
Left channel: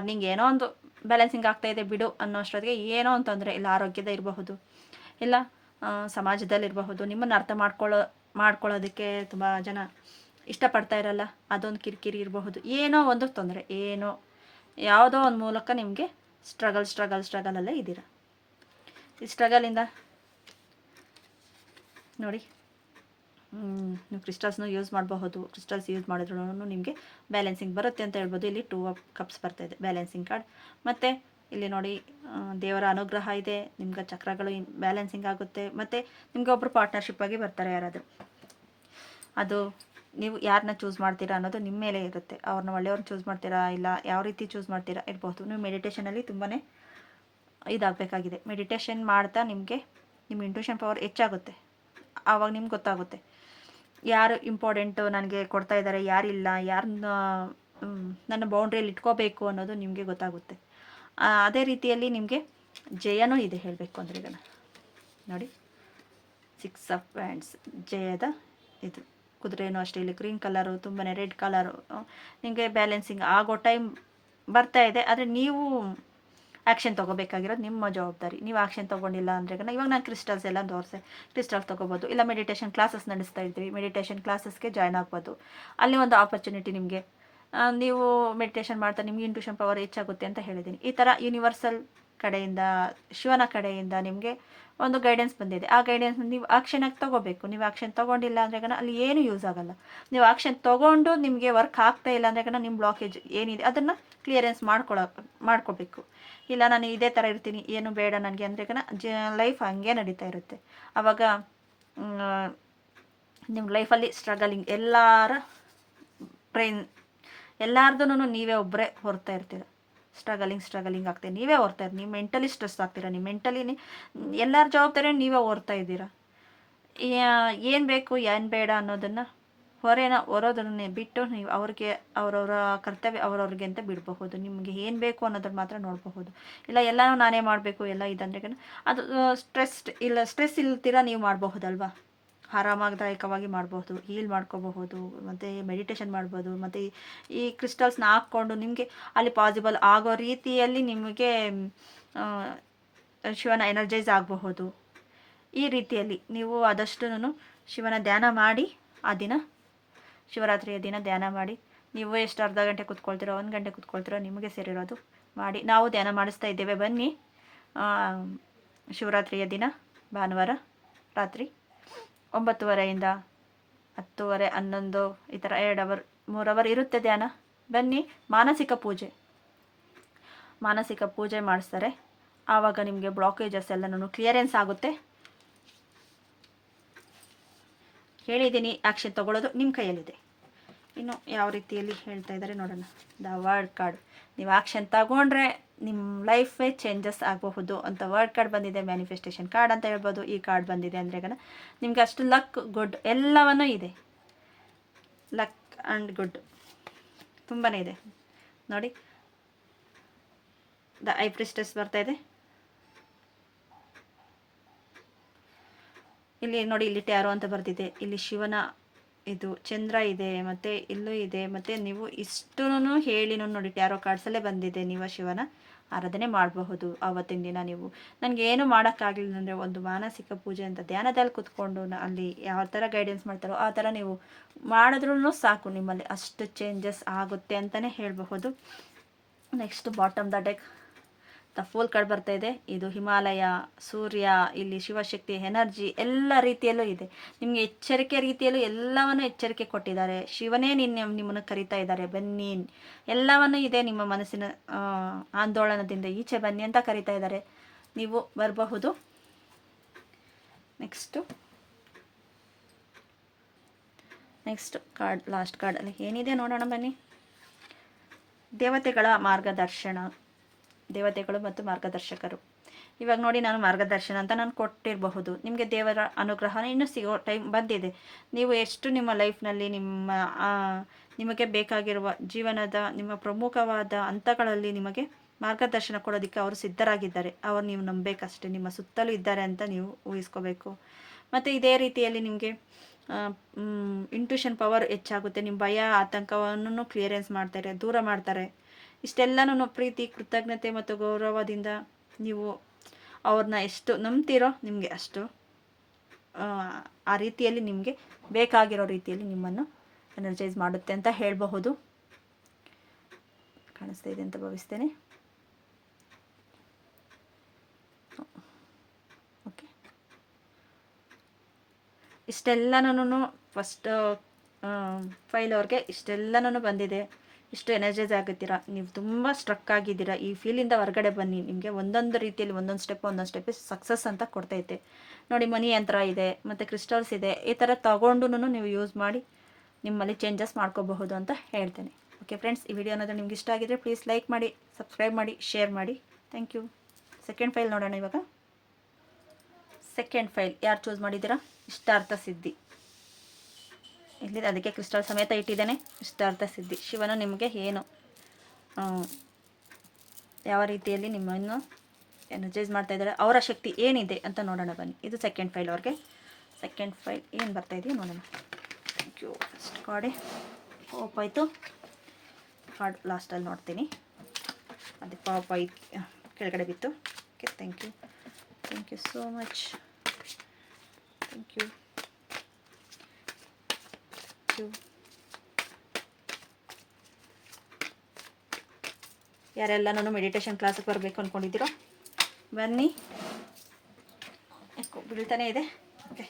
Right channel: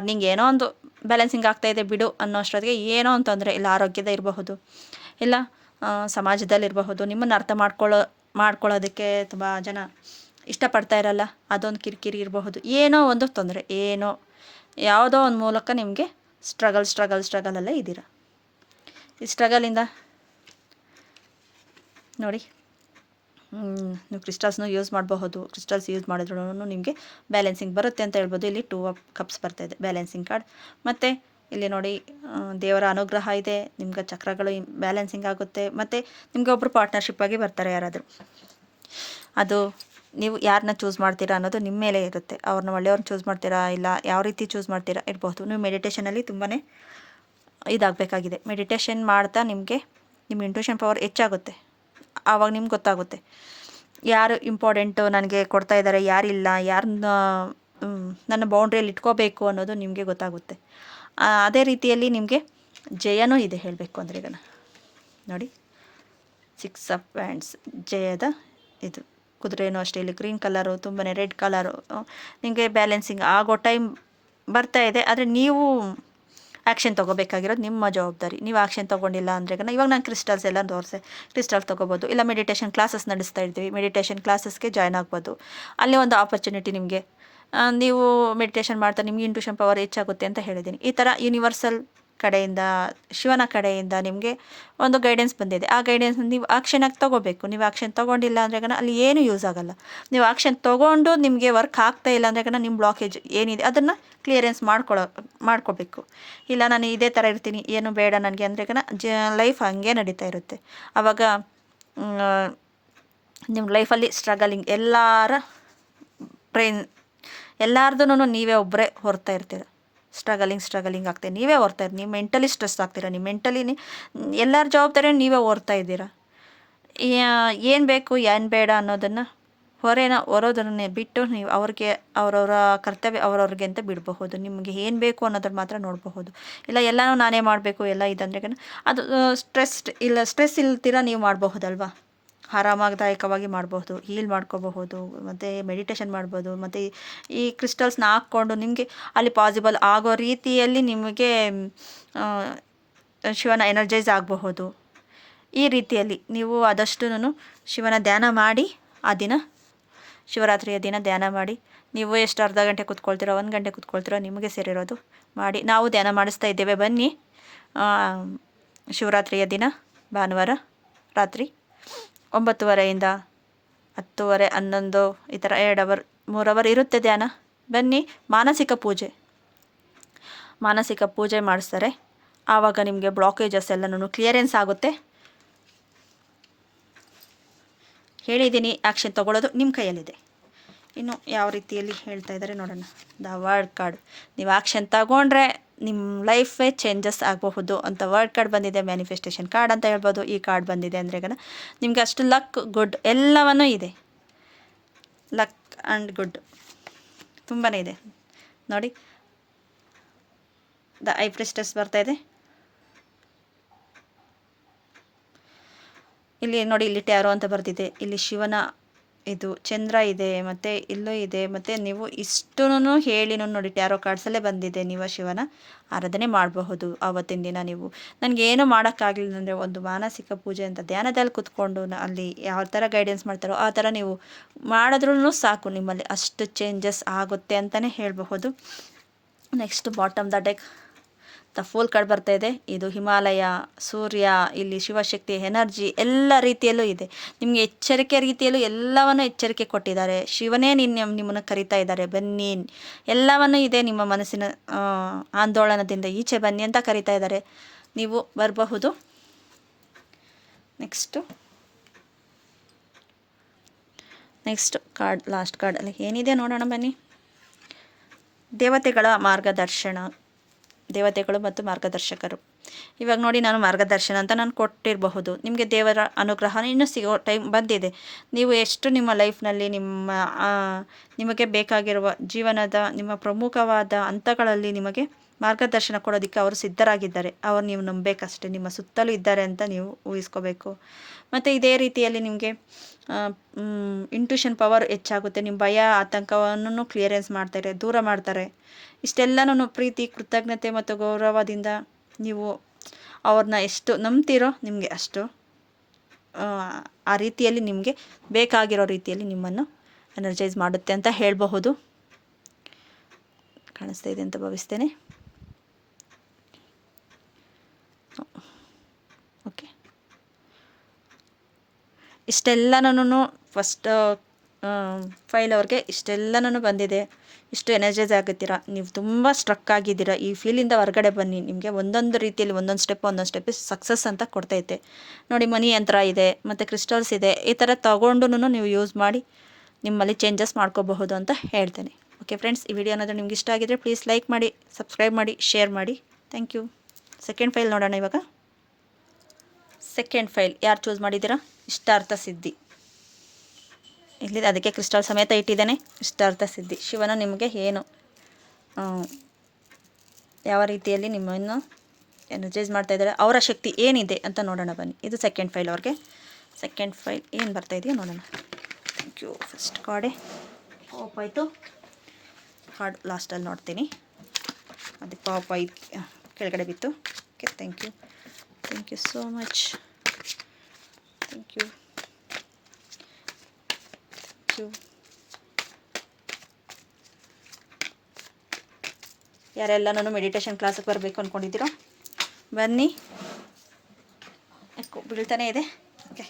ನಿಂಗೆ ಏನೋ ಒಂದು ಬ್ಯಾಲೆನ್ಸಿಂಗ್ ಆಗ್ತಾಯಿದೆ ಬಿಡು ಅನ್ನೋ ಅಷ್ಟೊತ್ತಿಗೆ ಏನೋ ಒಂದು ತೊಂದರೆ ಇಲ್ಲ, ಆರೋಗ್ಯದ ಇರಬಹುದು, ಇಲ್ಲ ಸಮಾಜದಲ್ಲಿರಬಹುದು, ನಿಮ್ಮನ್ನು ಅರ್ಥ ಮಾಡ್ಕೊಳ್ಳೋದಕ್ಕೆ ತುಂಬ ಜನ ಇಷ್ಟಪಡ್ತಾ ಇರಲ್ಲ, ಅದೊಂದು ಕಿರಿಕಿರಿ ಇರಬಹುದು, ಏನೋ ಒಂದು ತೊಂದರೆ, ಯಾವುದೋ ಒಂದು ಮೂಲಕ ನಿಮಗೆ ಸ್ಟ್ರಗಲಲ್ಲೇ ಇದ್ದೀರಾ. ಈ ಸ್ಟ್ರಗಲಿಂದ ನೋಡಿ ನೀವು ಕ್ರಿಸ್ಟಲ್ಸ್ನು ಯೂಸ್ ಮಾಡಬಹುದು. ಕ್ರಿಸ್ಟಲ್ಸ್ ಯೂಸ್ ಮಾಡಿದ್ರೂ ನಿಮಗೆ ಬ್ಯಾಲೆನ್ಸಿಂಗ್ ಬರುತ್ತೆ ಅಂತ ಹೇಳ್ಬೋದು. ಇಲ್ಲಿ 2 ಆಫ್ ಕಪ್ಸ್ ಬರ್ತಾಯಿದೆ ಬ್ಯಾಲೆನ್ಸಿಂಗ್ ಕಾರ್ಡ್. ಮತ್ತು ಇಲ್ಲಿ ನೋಡಿ ದೇವರ ಅನುಗ್ರಹ ಇದೆ, ನಿಮ್ಗೆ ಚಕ್ರಗಳು ಬ್ಯಾಲೆನ್ಸಿಂಗ್ ಆಗುತ್ತೆ. ಮತ್ತು ನಿಮಗೆ ಒಬ್ಬರು ಪಾರ್ಟ್ನರ್ಶಿಪ್ ಆಗಿ ಬರ್ತಾರೆ ಯಾರಾದರೂ. ಅದು ನೀವು ಯಾರನ್ನ ಚೂಸ್ ಮಾಡ್ತೀರಾ ಅನ್ನೋದು ನಿಮ್ಮ ಮೇಲೆ ಇರುತ್ತೆ. ಅವ್ರನ್ನ ಒಳ್ಳೆಯವ್ರನ್ನ ಚೂಸ್ ಮಾಡ್ತೀರಾ, ಇಲ್ಲ ಯಾವ ರೀತಿ ಚೂಸ್ ಮಾಡ್ತೀರಾ ಇರಬಹುದು. ನೀವು ಮೆಡಿಟೇಷನಲ್ಲಿ ತುಂಬಾ ಇದಾಗಬೇಕಾಗಿದೆ. ಮೆಡಿಟೇಷನ್ ಮಾಡ್ತಾ ನಿಮ್ಮ ಇಂಟ್ಯೂಷನ್ ಪವರ್ ಹೆಚ್ಚಾಗುತ್ತೆ. ಆವಾಗ ನಿಮ್ಗೆ ಗೊತ್ತಾಗುತ್ತೆ ಯಾರು ಇಂಪಾರ್ಟೆಂಟು ನನಗೆ ಕೊಡ್ತಾ ಇದ್ದಾರೆ, ಯಾರಿಲ್ಲ, ಯಾರನ್ನ ನನ್ನ ಬೌಂಡ್ರಿಯಲ್ಲಿ ಇಟ್ಕೋಬೇಕು ಅನ್ನೋದು ನಿಮಗೆ ಗೊತ್ತಾಗುತ್ತೆ. ಅದೇ ರೀತಿಯಲ್ಲಿ ನಿಮಗೆ ಜಯನೂ ಇದೆ ಹೇಳಬೇಕು ಅಂದರೆ. ಇದನ್ನು ನೋಡಿ 6 ಆಫ್ ವ್ಯಾಂಡ್ಸ್ ಜಯದ ಇದು ಕುದುರೆನೂ ಅಷ್ಟೇ. ಇಲ್ಲಿ ಗ್ರೀನ್ ಕಲರು, ತುಂಬಾ ರೆಡ್ ಕಲರು, ನಿಮಗೆ ಬ್ಯಾಲೆನ್ಸಿಂಗ್ ಆಗೋ ಟೈಮ್ ಬರ್ತಾ ಇದೆ. ಆದರೆ ನೀವು ಆ್ಯಕ್ಷನ್ ತೊಗೋಬೇಕಾಗಿರೋದು ನಿಮ್ಮ ಜವಾಬ್ದಾರಿ. ನೀವು ಆ್ಯಕ್ಷನ್ ತೊಗೊಂಡಿಲ್ಲ ಅಂದರೆ ಇವಾಗ ನಾನು ಕ್ರಿಸ್ಟಲ್ಸ್ ಎಲ್ಲ ತೋರಿಸೆ, ಕ್ರಿಸ್ಟಲ್ಸ್ ತೊಗೋಬೋದು. ಇಲ್ಲ ಮೆಡಿಟೇಷನ್ ಕ್ಲಾಸಸ್ ನಡೆಸ್ತಾ ಇರ್ತೀವಿ, ಮೆಡಿಟೇಷನ್ ಕ್ಲಾಸಸ್ಗೆ ಜಾಯ್ನ್ ಆಗ್ಬೋದು. ಅಲ್ಲಿ ಒಂದು ಆಪರ್ಚುನಿಟಿ ನಿಮಗೆ, ನೀವು ಮೆಡಿಟೇಷನ್ ಮಾಡ್ತಾ ನಿಮಗೆ ಇಂಟ್ಯೂಷನ್ ಪವರ್ ಹೆಚ್ಚಾಗುತ್ತೆ ಅಂತ ಹೇಳಿದ್ದೀನಿ. ಈ ಥರ ಯೂನಿವರ್ಸಲ್ ಕಡೆಯಿಂದ, ಶಿವನ ಕಡೆಯಿಂದ ನಿಮಗೆ ಒಂದು ಗೈಡೆನ್ಸ್ ಬಂದಿದೆ. ಆ ಗೈಡೆನ್ಸ್ ನೀವು ಆ್ಯಕ್ಷನಾಗಿ ತೊಗೋಬೇಕು. ನೀವು ಆ್ಯಕ್ಷನ್ ತೊಗೊಂಡಿಲ್ಲ ಅಂದರೆ ಅಲ್ಲಿ ಏನೂ ಯೂಸ್ ಆಗೋಲ್ಲ. ನೀವು ಆ್ಯಕ್ಷನ್ ತೊಗೊಂಡು ನಿಮಗೆ ವರ್ಕ್ ಆಗ್ತಾ ಇಲ್ಲ ಅಂದರೆ ನಿಮ್ಮ ಬ್ಲಾಕೇಜ್ ಏನಿದೆ ಅದನ್ನು ಕ್ಲಿಯರೆನ್ಸ್ ಮಾಡ್ಕೋಬೇಕು. ಇಲ್ಲ ನಾನು ಇದೇ ಥರ ಇರ್ತೀನಿ, ಏನು ಬೇಡ ನನಗೆ ಅಂದರೆ ಲೈಫ್ ಹಂಗೆ ನಡೀತಾ ಇರುತ್ತೆ. ಆವಾಗ ನಿಮ್ಮ ಲೈಫಲ್ಲಿ ಸ್ಟ್ರಗಲಿಂಗ್ ಎಲ್ಲಾರ್ದೂ ನೀವೇ ಒಬ್ಬರೇ ಹೊರ್ತಾ ಇರ್ತೀರ. ಸ್ಟ್ರಗಲಿಂಗ್ ಆಗ್ತದೆ, ನೀವೇ ಹೊರ್ತಾ ಇರ್ತೀರ. ನೀವು ಮೆಂಟಲಿ ಸ್ಟ್ರೆಸ್ ಆಗ್ತೀರ, ನಿಮ್ಮ ಮೆಂಟಲಿ ಎಲ್ಲರ ಜವಾಬ್ದಾರಿ ನೀವೇ ಹೊರ್ತಾ ಇದ್ದೀರಾ. ಏನು ಬೇಕು ಏನು ಬೇಡ ಅನ್ನೋದನ್ನು ಹೊರೋದನ್ನೇ ಬಿಟ್ಟು ನೀವು ಅವ್ರಿಗೆ ಅವರವರ ಕರ್ತವ್ಯ ಅವ್ರವ್ರಿಗೆ ಅಂತ ಬಿಡಬಹುದು. ನಿಮಗೆ ಏನು ಬೇಕು ಅನ್ನೋದನ್ನು ಮಾತ್ರ ನೋಡಬಹುದು. ಇಲ್ಲ ಎಲ್ಲನೂ ನಾನೇ ಮಾಡಬೇಕು ಎಲ್ಲ ಇದಂದ್ರೆ ಅದು ಸ್ಟ್ರೆಸ್ ಇಲ್ದಿರ ನೀವು ಮಾಡಬಹುದಲ್ವಾ. ಆರಾಮದಾಯಕವಾಗಿ ಮಾಡಬಹುದು, ಹೀಲ್ ಮಾಡ್ಕೋಬಹುದು, ಮತ್ತು ಮೆಡಿಟೇಷನ್ ಮಾಡ್ಬೋದು. ಮತ್ತು ಈ ಕ್ರಿಸ್ಟಲ್ಸ್ನ ಹಾಕ್ಕೊಂಡು ನಿಮಗೆ ಅಲ್ಲಿ ಪಾಸಿಬಲ್ ಆಗೋ ರೀತಿಯಲ್ಲಿ ನಿಮಗೆ ಶಿವನ ಎನರ್ಜೈಸ್ ಆಗಬಹುದು. ಈ ರೀತಿಯಲ್ಲಿ ನೀವು ಆದಷ್ಟು ಶಿವನ ಧ್ಯಾನ ಮಾಡಿ, ಆ ದಿನ ಶಿವರಾತ್ರಿಯ ದಿನ ಧ್ಯಾನ ಮಾಡಿ. ನೀವು ಎಷ್ಟು ಅರ್ಧ ಗಂಟೆ ಕೂತ್ಕೊಳ್ತೀರೋ, 1 ಗಂಟೆ ಕೂತ್ಕೊಳ್ತೀರೋ ನಿಮಗೆ ಸೇರಿರೋದು ಮಾಡಿ. ನಾವು ಧ್ಯಾನ ಮಾಡಿಸ್ತಾ ಇದ್ದೇವೆ, ಬನ್ನಿ. ಶಿವರಾತ್ರಿಯ ದಿನ ಭಾನುವಾರ ರಾತ್ರಿ 9:30ಯಿಂದ 10:30, 11 ಈ ಥರ 2 ಅವರ್ 3 ಅವರ್ ಇರುತ್ತೆ ಧ್ಯಾನ. ಬನ್ನಿ. ಮಾನಸಿಕ ಪೂಜೆ ಮಾಡಿಸ್ತಾರೆ. ಆವಾಗ ನಿಮಗೆ ಬ್ಲಾಕೇಜಸ್ ಎಲ್ಲನೂ ಕ್ಲಿಯರೆನ್ಸ್ ಆಗುತ್ತೆ. ಹೇಳಿದ್ದೀನಿ, ಆ್ಯಕ್ಷನ್ ತೊಗೊಳ್ಳೋದು ನಿಮ್ಮ ಕೈಯಲ್ಲಿದೆ. ಇನ್ನು ಯಾವ ರೀತಿಯಲ್ಲಿ ಹೇಳ್ತಾ ಇದ್ದಾರೆ ನೋಡೋಣ. The word card. ನೀವು ಆ್ಯಕ್ಷನ್ ತಗೊಂಡ್ರೆ ನಿಮ್ಮ ಲೈಫೇ ಚೇಂಜಸ್ ಆಗಬಹುದು ಅಂತ ವರ್ಡ್ ಕಾರ್ಡ್ ಬಂದಿದೆ. ಮ್ಯಾನಿಫೆಸ್ಟೇಷನ್ ಕಾರ್ಡ್ ಅಂತ ಹೇಳ್ಬೋದು. ಈ ಕಾರ್ಡ್ ಬಂದಿದೆ ಅಂದರೆ ನಿಮಗೆ ಅಷ್ಟು ಲಕ್, ಗುಡ್ ಎಲ್ಲವನ್ನೂ ಇದೆ. ಲಕ್ ಆ್ಯಂಡ್ ಗುಡ್ ತುಂಬಾ ಇದೆ ನೋಡಿ. ದ ಐ ಪ್ರಿಸ್ಟೆಸ್ ಬರ್ತಾ ಇದೆ. ಇಲ್ಲಿ ನೋಡಿ, ಇಲ್ಲಿ ಟ್ಯಾರೋ ಅಂತ ಬರ್ತಿದೆ. ಇಲ್ಲಿ ಶಿವನ ಇದು ಚಂದ್ರ ಇದೆ, ಮತ್ತು ಇಲ್ಲೂ ಇದೆ. ಮತ್ತು ನೀವು ಇಷ್ಟೂ ಹೇಳಿ ನೋಡಿ, ಟ್ಯಾರೋ ಕಾರ್ಡ್ಸಲ್ಲೇ ಬಂದಿದೆ. ನೀವು ಶಿವನ ಆರಾಧನೆ ಮಾಡಬಹುದು ಆವತ್ತಿನ ದಿನ. ನೀವು ನನಗೇನು ಮಾಡೋಕ್ಕಾಗಲಿಲ್ಲ ಅಂದರೆ ಒಂದು ಮಾನಸಿಕ ಪೂಜೆ ಅಂತ ಧ್ಯಾನದಲ್ಲಿ ಕೂತ್ಕೊಂಡು ಅಲ್ಲಿ ಯಾವ ಥರ ಗೈಡೆನ್ಸ್ ಮಾಡ್ತಾರೋ ಆ ಥರ ನೀವು ಮಾಡಿದ್ರೂ ಸಾಕು, ನಿಮ್ಮಲ್ಲಿ ಅಷ್ಟು ಚೇಂಜಸ್ ಆಗುತ್ತೆ ಅಂತಲೇ ಹೇಳಬಹುದು. Next bottom the deck the fool card ಬರ್ತಾ ಇದೆ. ಇದು ಹಿಮಾಲಯ, ಸೂರ್ಯ, ಇಲ್ಲಿ ಶಿವಶಕ್ತಿ ಎನರ್ಜಿ ಎಲ್ಲ ರೀತಿಯಲ್ಲೂ ಇದೆ. ನಿಮಗೆ ಎಚ್ಚರಿಕೆ ರೀತಿಯಲ್ಲೂ ಎಲ್ಲವನ್ನು ಎಚ್ಚರಿಕೆ ಕೊಟ್ಟಿದ್ದಾರೆ. ಶಿವನೇ ನಿಮ್ಮನ್ನು ಕರಿತಾ ಇದ್ದಾರೆ, ಬನ್ನಿ, ಎಲ್ಲವನ್ನೂ ಇದೆ. ನಿಮ್ಮ ಮನಸ್ಸಿನ ಆಂದೋಲನದಿಂದ ಈಚೆ ಬನ್ನಿ ಅಂತ ಕರಿತಾ ಇದ್ದಾರೆ. ನೀವು ಬರಬಹುದು. ನೆಕ್ಸ್ಟ್ ಕಾರ್ಡ್, ಲಾಸ್ಟ್ ಕಾರ್ಡ್ ಅಲ್ಲಿ ಏನಿದೆ ನೋಡೋಣ ಬನ್ನಿ. ದೇವತೆಗಳ ಮಾರ್ಗದರ್ಶನ, ದೇವತೆಗಳು ಮತ್ತು ಮಾರ್ಗದರ್ಶಕರು. ಇವಾಗ ನೋಡಿ ನಾನು ಮಾರ್ಗದರ್ಶನ ಅಂತ ನಾನು ಕೊಟ್ಟಿರಬಹುದು. ನಿಮಗೆ ದೇವರ ಅನುಗ್ರಹ ಇನ್ನೂ ಸಿಗೋ ಟೈಮ್ ಬಂದಿದೆ. ನೀವು ಎಷ್ಟು ನಿಮ್ಮ ಲೈಫ್ನಲ್ಲಿ ನಿಮಗೆ ಬೇಕಾಗಿರುವ ಜೀವನದ ನಿಮ್ಮ ಪ್ರಮುಖವಾದ ಹಂತಗಳಲ್ಲಿ ನಿಮಗೆ ಮಾರ್ಗದರ್ಶನ ಕೊಡೋದಕ್ಕೆ ಅವರು ಸಿದ್ಧರಾಗಿದ್ದಾರೆ. ಅವರು ನೀವು ನಂಬಬೇಕಷ್ಟೇ. ನಿಮ್ಮ ಸುತ್ತಲೂ ಇದ್ದಾರೆ ಅಂತ ನೀವು ಊಹಿಸ್ಕೋಬೇಕು. ಮತ್ತು ಇದೇ ರೀತಿಯಲ್ಲಿ ನಿಮಗೆ ಇಂಟ್ಯೂಷನ್ ಪವರ್ ಹೆಚ್ಚಾಗುತ್ತೆ. ನಿಮ್ಮ ಭಯ ಆತಂಕವನ್ನು ಕ್ಲಿಯರೆನ್ಸ್ ಮಾಡ್ತಾರೆ, ದೂರ ಮಾಡ್ತಾರೆ. ಇಷ್ಟೆಲ್ಲನೂ ಪ್ರೀತಿ, ಕೃತಜ್ಞತೆ ಮತ್ತು ಗೌರವದಿಂದ ನೀವು ಅವ್ರನ್ನ ಎಷ್ಟು ನಂಬ್ತೀರೋ ನಿಮಗೆ ಅಷ್ಟು ಆ ರೀತಿಯಲ್ಲಿ ನಿಮಗೆ ಬೇಕಾಗಿರೋ ರೀತಿಯಲ್ಲಿ ನಿಮ್ಮನ್ನು ಎನರ್ಜೈಸ್ ಮಾಡುತ್ತೆ ಅಂತ ಹೇಳಬಹುದು. ಕಾಣಿಸ್ತಾ ಇದೆ ಅಂತ ಭಾವಿಸ್ತೇನೆ. ಓಕೆ, ಇಷ್ಟೆಲ್ಲನೂ ಫಸ್ಟ್ ಫೈಲ್ ಅವ್ರಿಗೆ ಇಷ್ಟೆಲ್ಲನೂ ಬಂದಿದೆ. ಇಷ್ಟು ಎನರ್ಜೈಸ್ ಆಗುತ್ತೀರಾ, ನೀವು ತುಂಬ ಸ್ಟ್ರಕ್ ಆಗಿದ್ದೀರಾ. ಈ ಫೀಲಿಂದ ಹೊರಗಡೆ ಬನ್ನಿ. ನಿಮಗೆ ಒಂದೊಂದು ರೀತಿಯಲ್ಲಿ ಒಂದೊಂದು ಸ್ಟೆಪ್ ಸಕ್ಸಸ್ ಅಂತ ಕೊಡ್ತೈತೆ ನೋಡಿ. ಮನಿ ಯಂತ್ರ ಇದೆ ಮತ್ತು ಕ್ರಿಸ್ಟಲ್ಸ್ ಇದೆ. ಈ ಥರ ತಗೊಂಡು ನೀವು ಯೂಸ್ ಮಾಡಿ ನಿಮ್ಮಲ್ಲಿ ಚೇಂಜಸ್ ಮಾಡ್ಕೋಬಹುದು ಅಂತ ಹೇಳ್ತೇನೆ. ಓಕೆ ಫ್ರೆಂಡ್ಸ್, ಈ ವಿಡಿಯೋ ಅನ್ನೋದು ನಿಮ್ಗೆ ಇಷ್ಟ ಆಗಿದ್ರೆ ಪ್ಲೀಸ್ ಲೈಕ್ ಮಾಡಿ, ಸಬ್ಸ್ಕ್ರೈಬ್ ಮಾಡಿ, ಶೇರ್ ಮಾಡಿ. Thank you. ಸೆಕೆಂಡ್ ಫೈಲ್ ನೋಡೋಣ. ಇವಾಗ ಸೆಕೆಂಡ್ ಫೈಲ್ ಯಾರು ಚೂಸ್ ಮಾಡಿದ್ದೀರಾ? ಇಷ್ಟಾರ್ಥ ಸಿದ್ಧಿ. ಇಲ್ಲಿ ಅದಕ್ಕೆ ಕ್ರಿಸ್ಟಲ್ ಸಮೇತ ಇಟ್ಟಿದ್ದೇನೆ. ಇಷ್ಟಾರ್ಥ ಸಿದ್ಧಿ. ಶಿವನು ನಿಮಗೆ ಏನು ಯಾವ ರೀತಿಯಲ್ಲಿ ನಿಮ್ಮನ್ನು ಎನರ್ಜೈಸ್ ಮಾಡ್ತಾ ಇದ್ದಾರೆ, ಅವರ ಶಕ್ತಿ ಏನಿದೆ ಅಂತ ನೋಡೋಣ ಬನ್ನಿ. ಇದು ಸೆಕೆಂಡ್ ಫೈಲ್ ಅವ್ರಿಗೆ. ಸೆಕೆಂಡ್ ಫೈಲ್ ಏನು ಬರ್ತಾ ಇದೆಯೋ ನೋಡೋಣ. Thank you. ಫಸ್ಟ್ ಕಾರ್ಡೇ ಪಾಪ್ ಆಯಿತು. ಕಾರ್ಡ್ ಲಾಸ್ಟಲ್ಲಿ ನೋಡ್ತೀನಿ. ಅದು ಪಾಪ್ ಆಯ್ತು, ಕೆಳಗಡೆ ಬಿತ್ತು. Okay, thank you. Thank you so much. Thank you. ಯಾರೆಲ್ಲನೂ ಮೆಡಿಟೇಷನ್ ಕ್ಲಾಸಿಗೆ ಬರಬೇಕು ಅಂದ್ಕೊಂಡಿದ್ದೀರೋ ಬನ್ನಿ. ಬೀಳ್ತಾನೆ ಇದೆ. ಓಕೆ,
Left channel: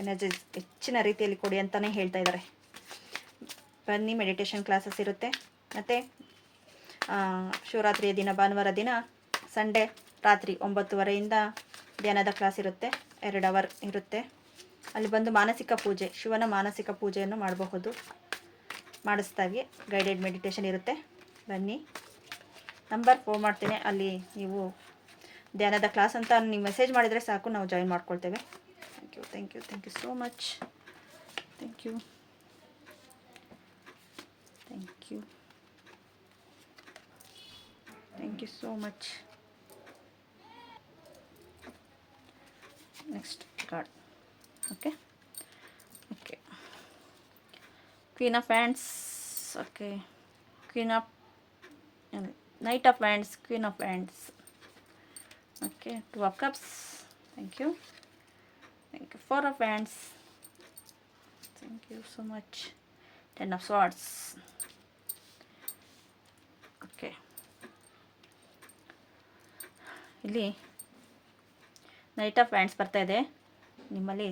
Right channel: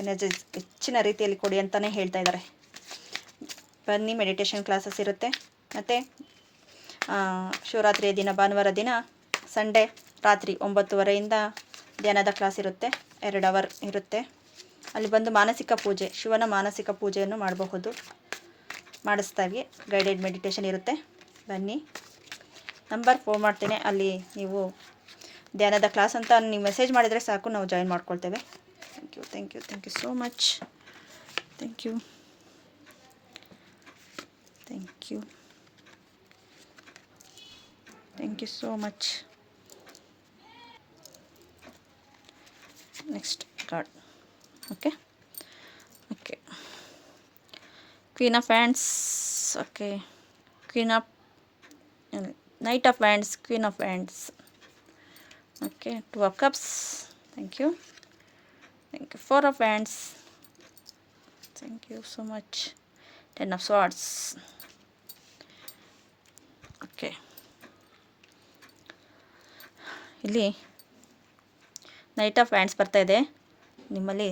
ಎನರ್ಜಿ ಹೆಚ್ಚಿನ ರೀತಿಯಲ್ಲಿ ಕೊಡಿ ಅಂತಲೇ ಹೇಳ್ತಾ ಇದ್ದಾರೆ. ಬನ್ನಿ, ಮೆಡಿಟೇಷನ್ ಕ್ಲಾಸಸ್ ಇರುತ್ತೆ. ಮತ್ತು ಶಿವರಾತ್ರಿಯ ದಿನ, ಭಾನುವಾರ ದಿನ, ಸಂಡೇ ರಾತ್ರಿ 9:30ಯಿಂದ ಧ್ಯಾನದ ಕ್ಲಾಸ್ ಇರುತ್ತೆ. 2 ಅವರ್ ಇರುತ್ತೆ. ಅಲ್ಲಿ ಬಂದು ಮಾನಸಿಕ ಪೂಜೆ, ಶಿವನ ಮಾನಸಿಕ ಪೂಜೆಯನ್ನು ಮಾಡಿಸ್ತಾವೆ. ಗೈಡೆಡ್ ಮೆಡಿಟೇಷನ್ ಇರುತ್ತೆ. ಬನ್ನಿ. ನಂಬರ್ ಫೋನ್ ಮಾಡ್ತೇನೆ. ಅಲ್ಲಿ ನೀವು ಧ್ಯಾನದ ಕ್ಲಾಸ್ ಅಂತ ನೀವು ಮೆಸೇಜ್ ಮಾಡಿದರೆ ಸಾಕು, ನಾವು ಜಾಯಿನ್ ಮಾಡ್ಕೊಳ್ತೇವೆ. Thank you. Thank you. Thank you so much. Thank you. Thank you. Thank you so much. Next card. Okay, okay. Queen of hands. Okay, queen of knight of hands, queen of hands. Okay, 2 of cups. Thank you. Thank you. 4 of hands. Thank you so much. 10 of swords. Okay, ಇಲ್ಲಿ knight of hands ಬರ್ತಾ ಇದೆ. ನಿಮ್ಮಲ್ಲಿ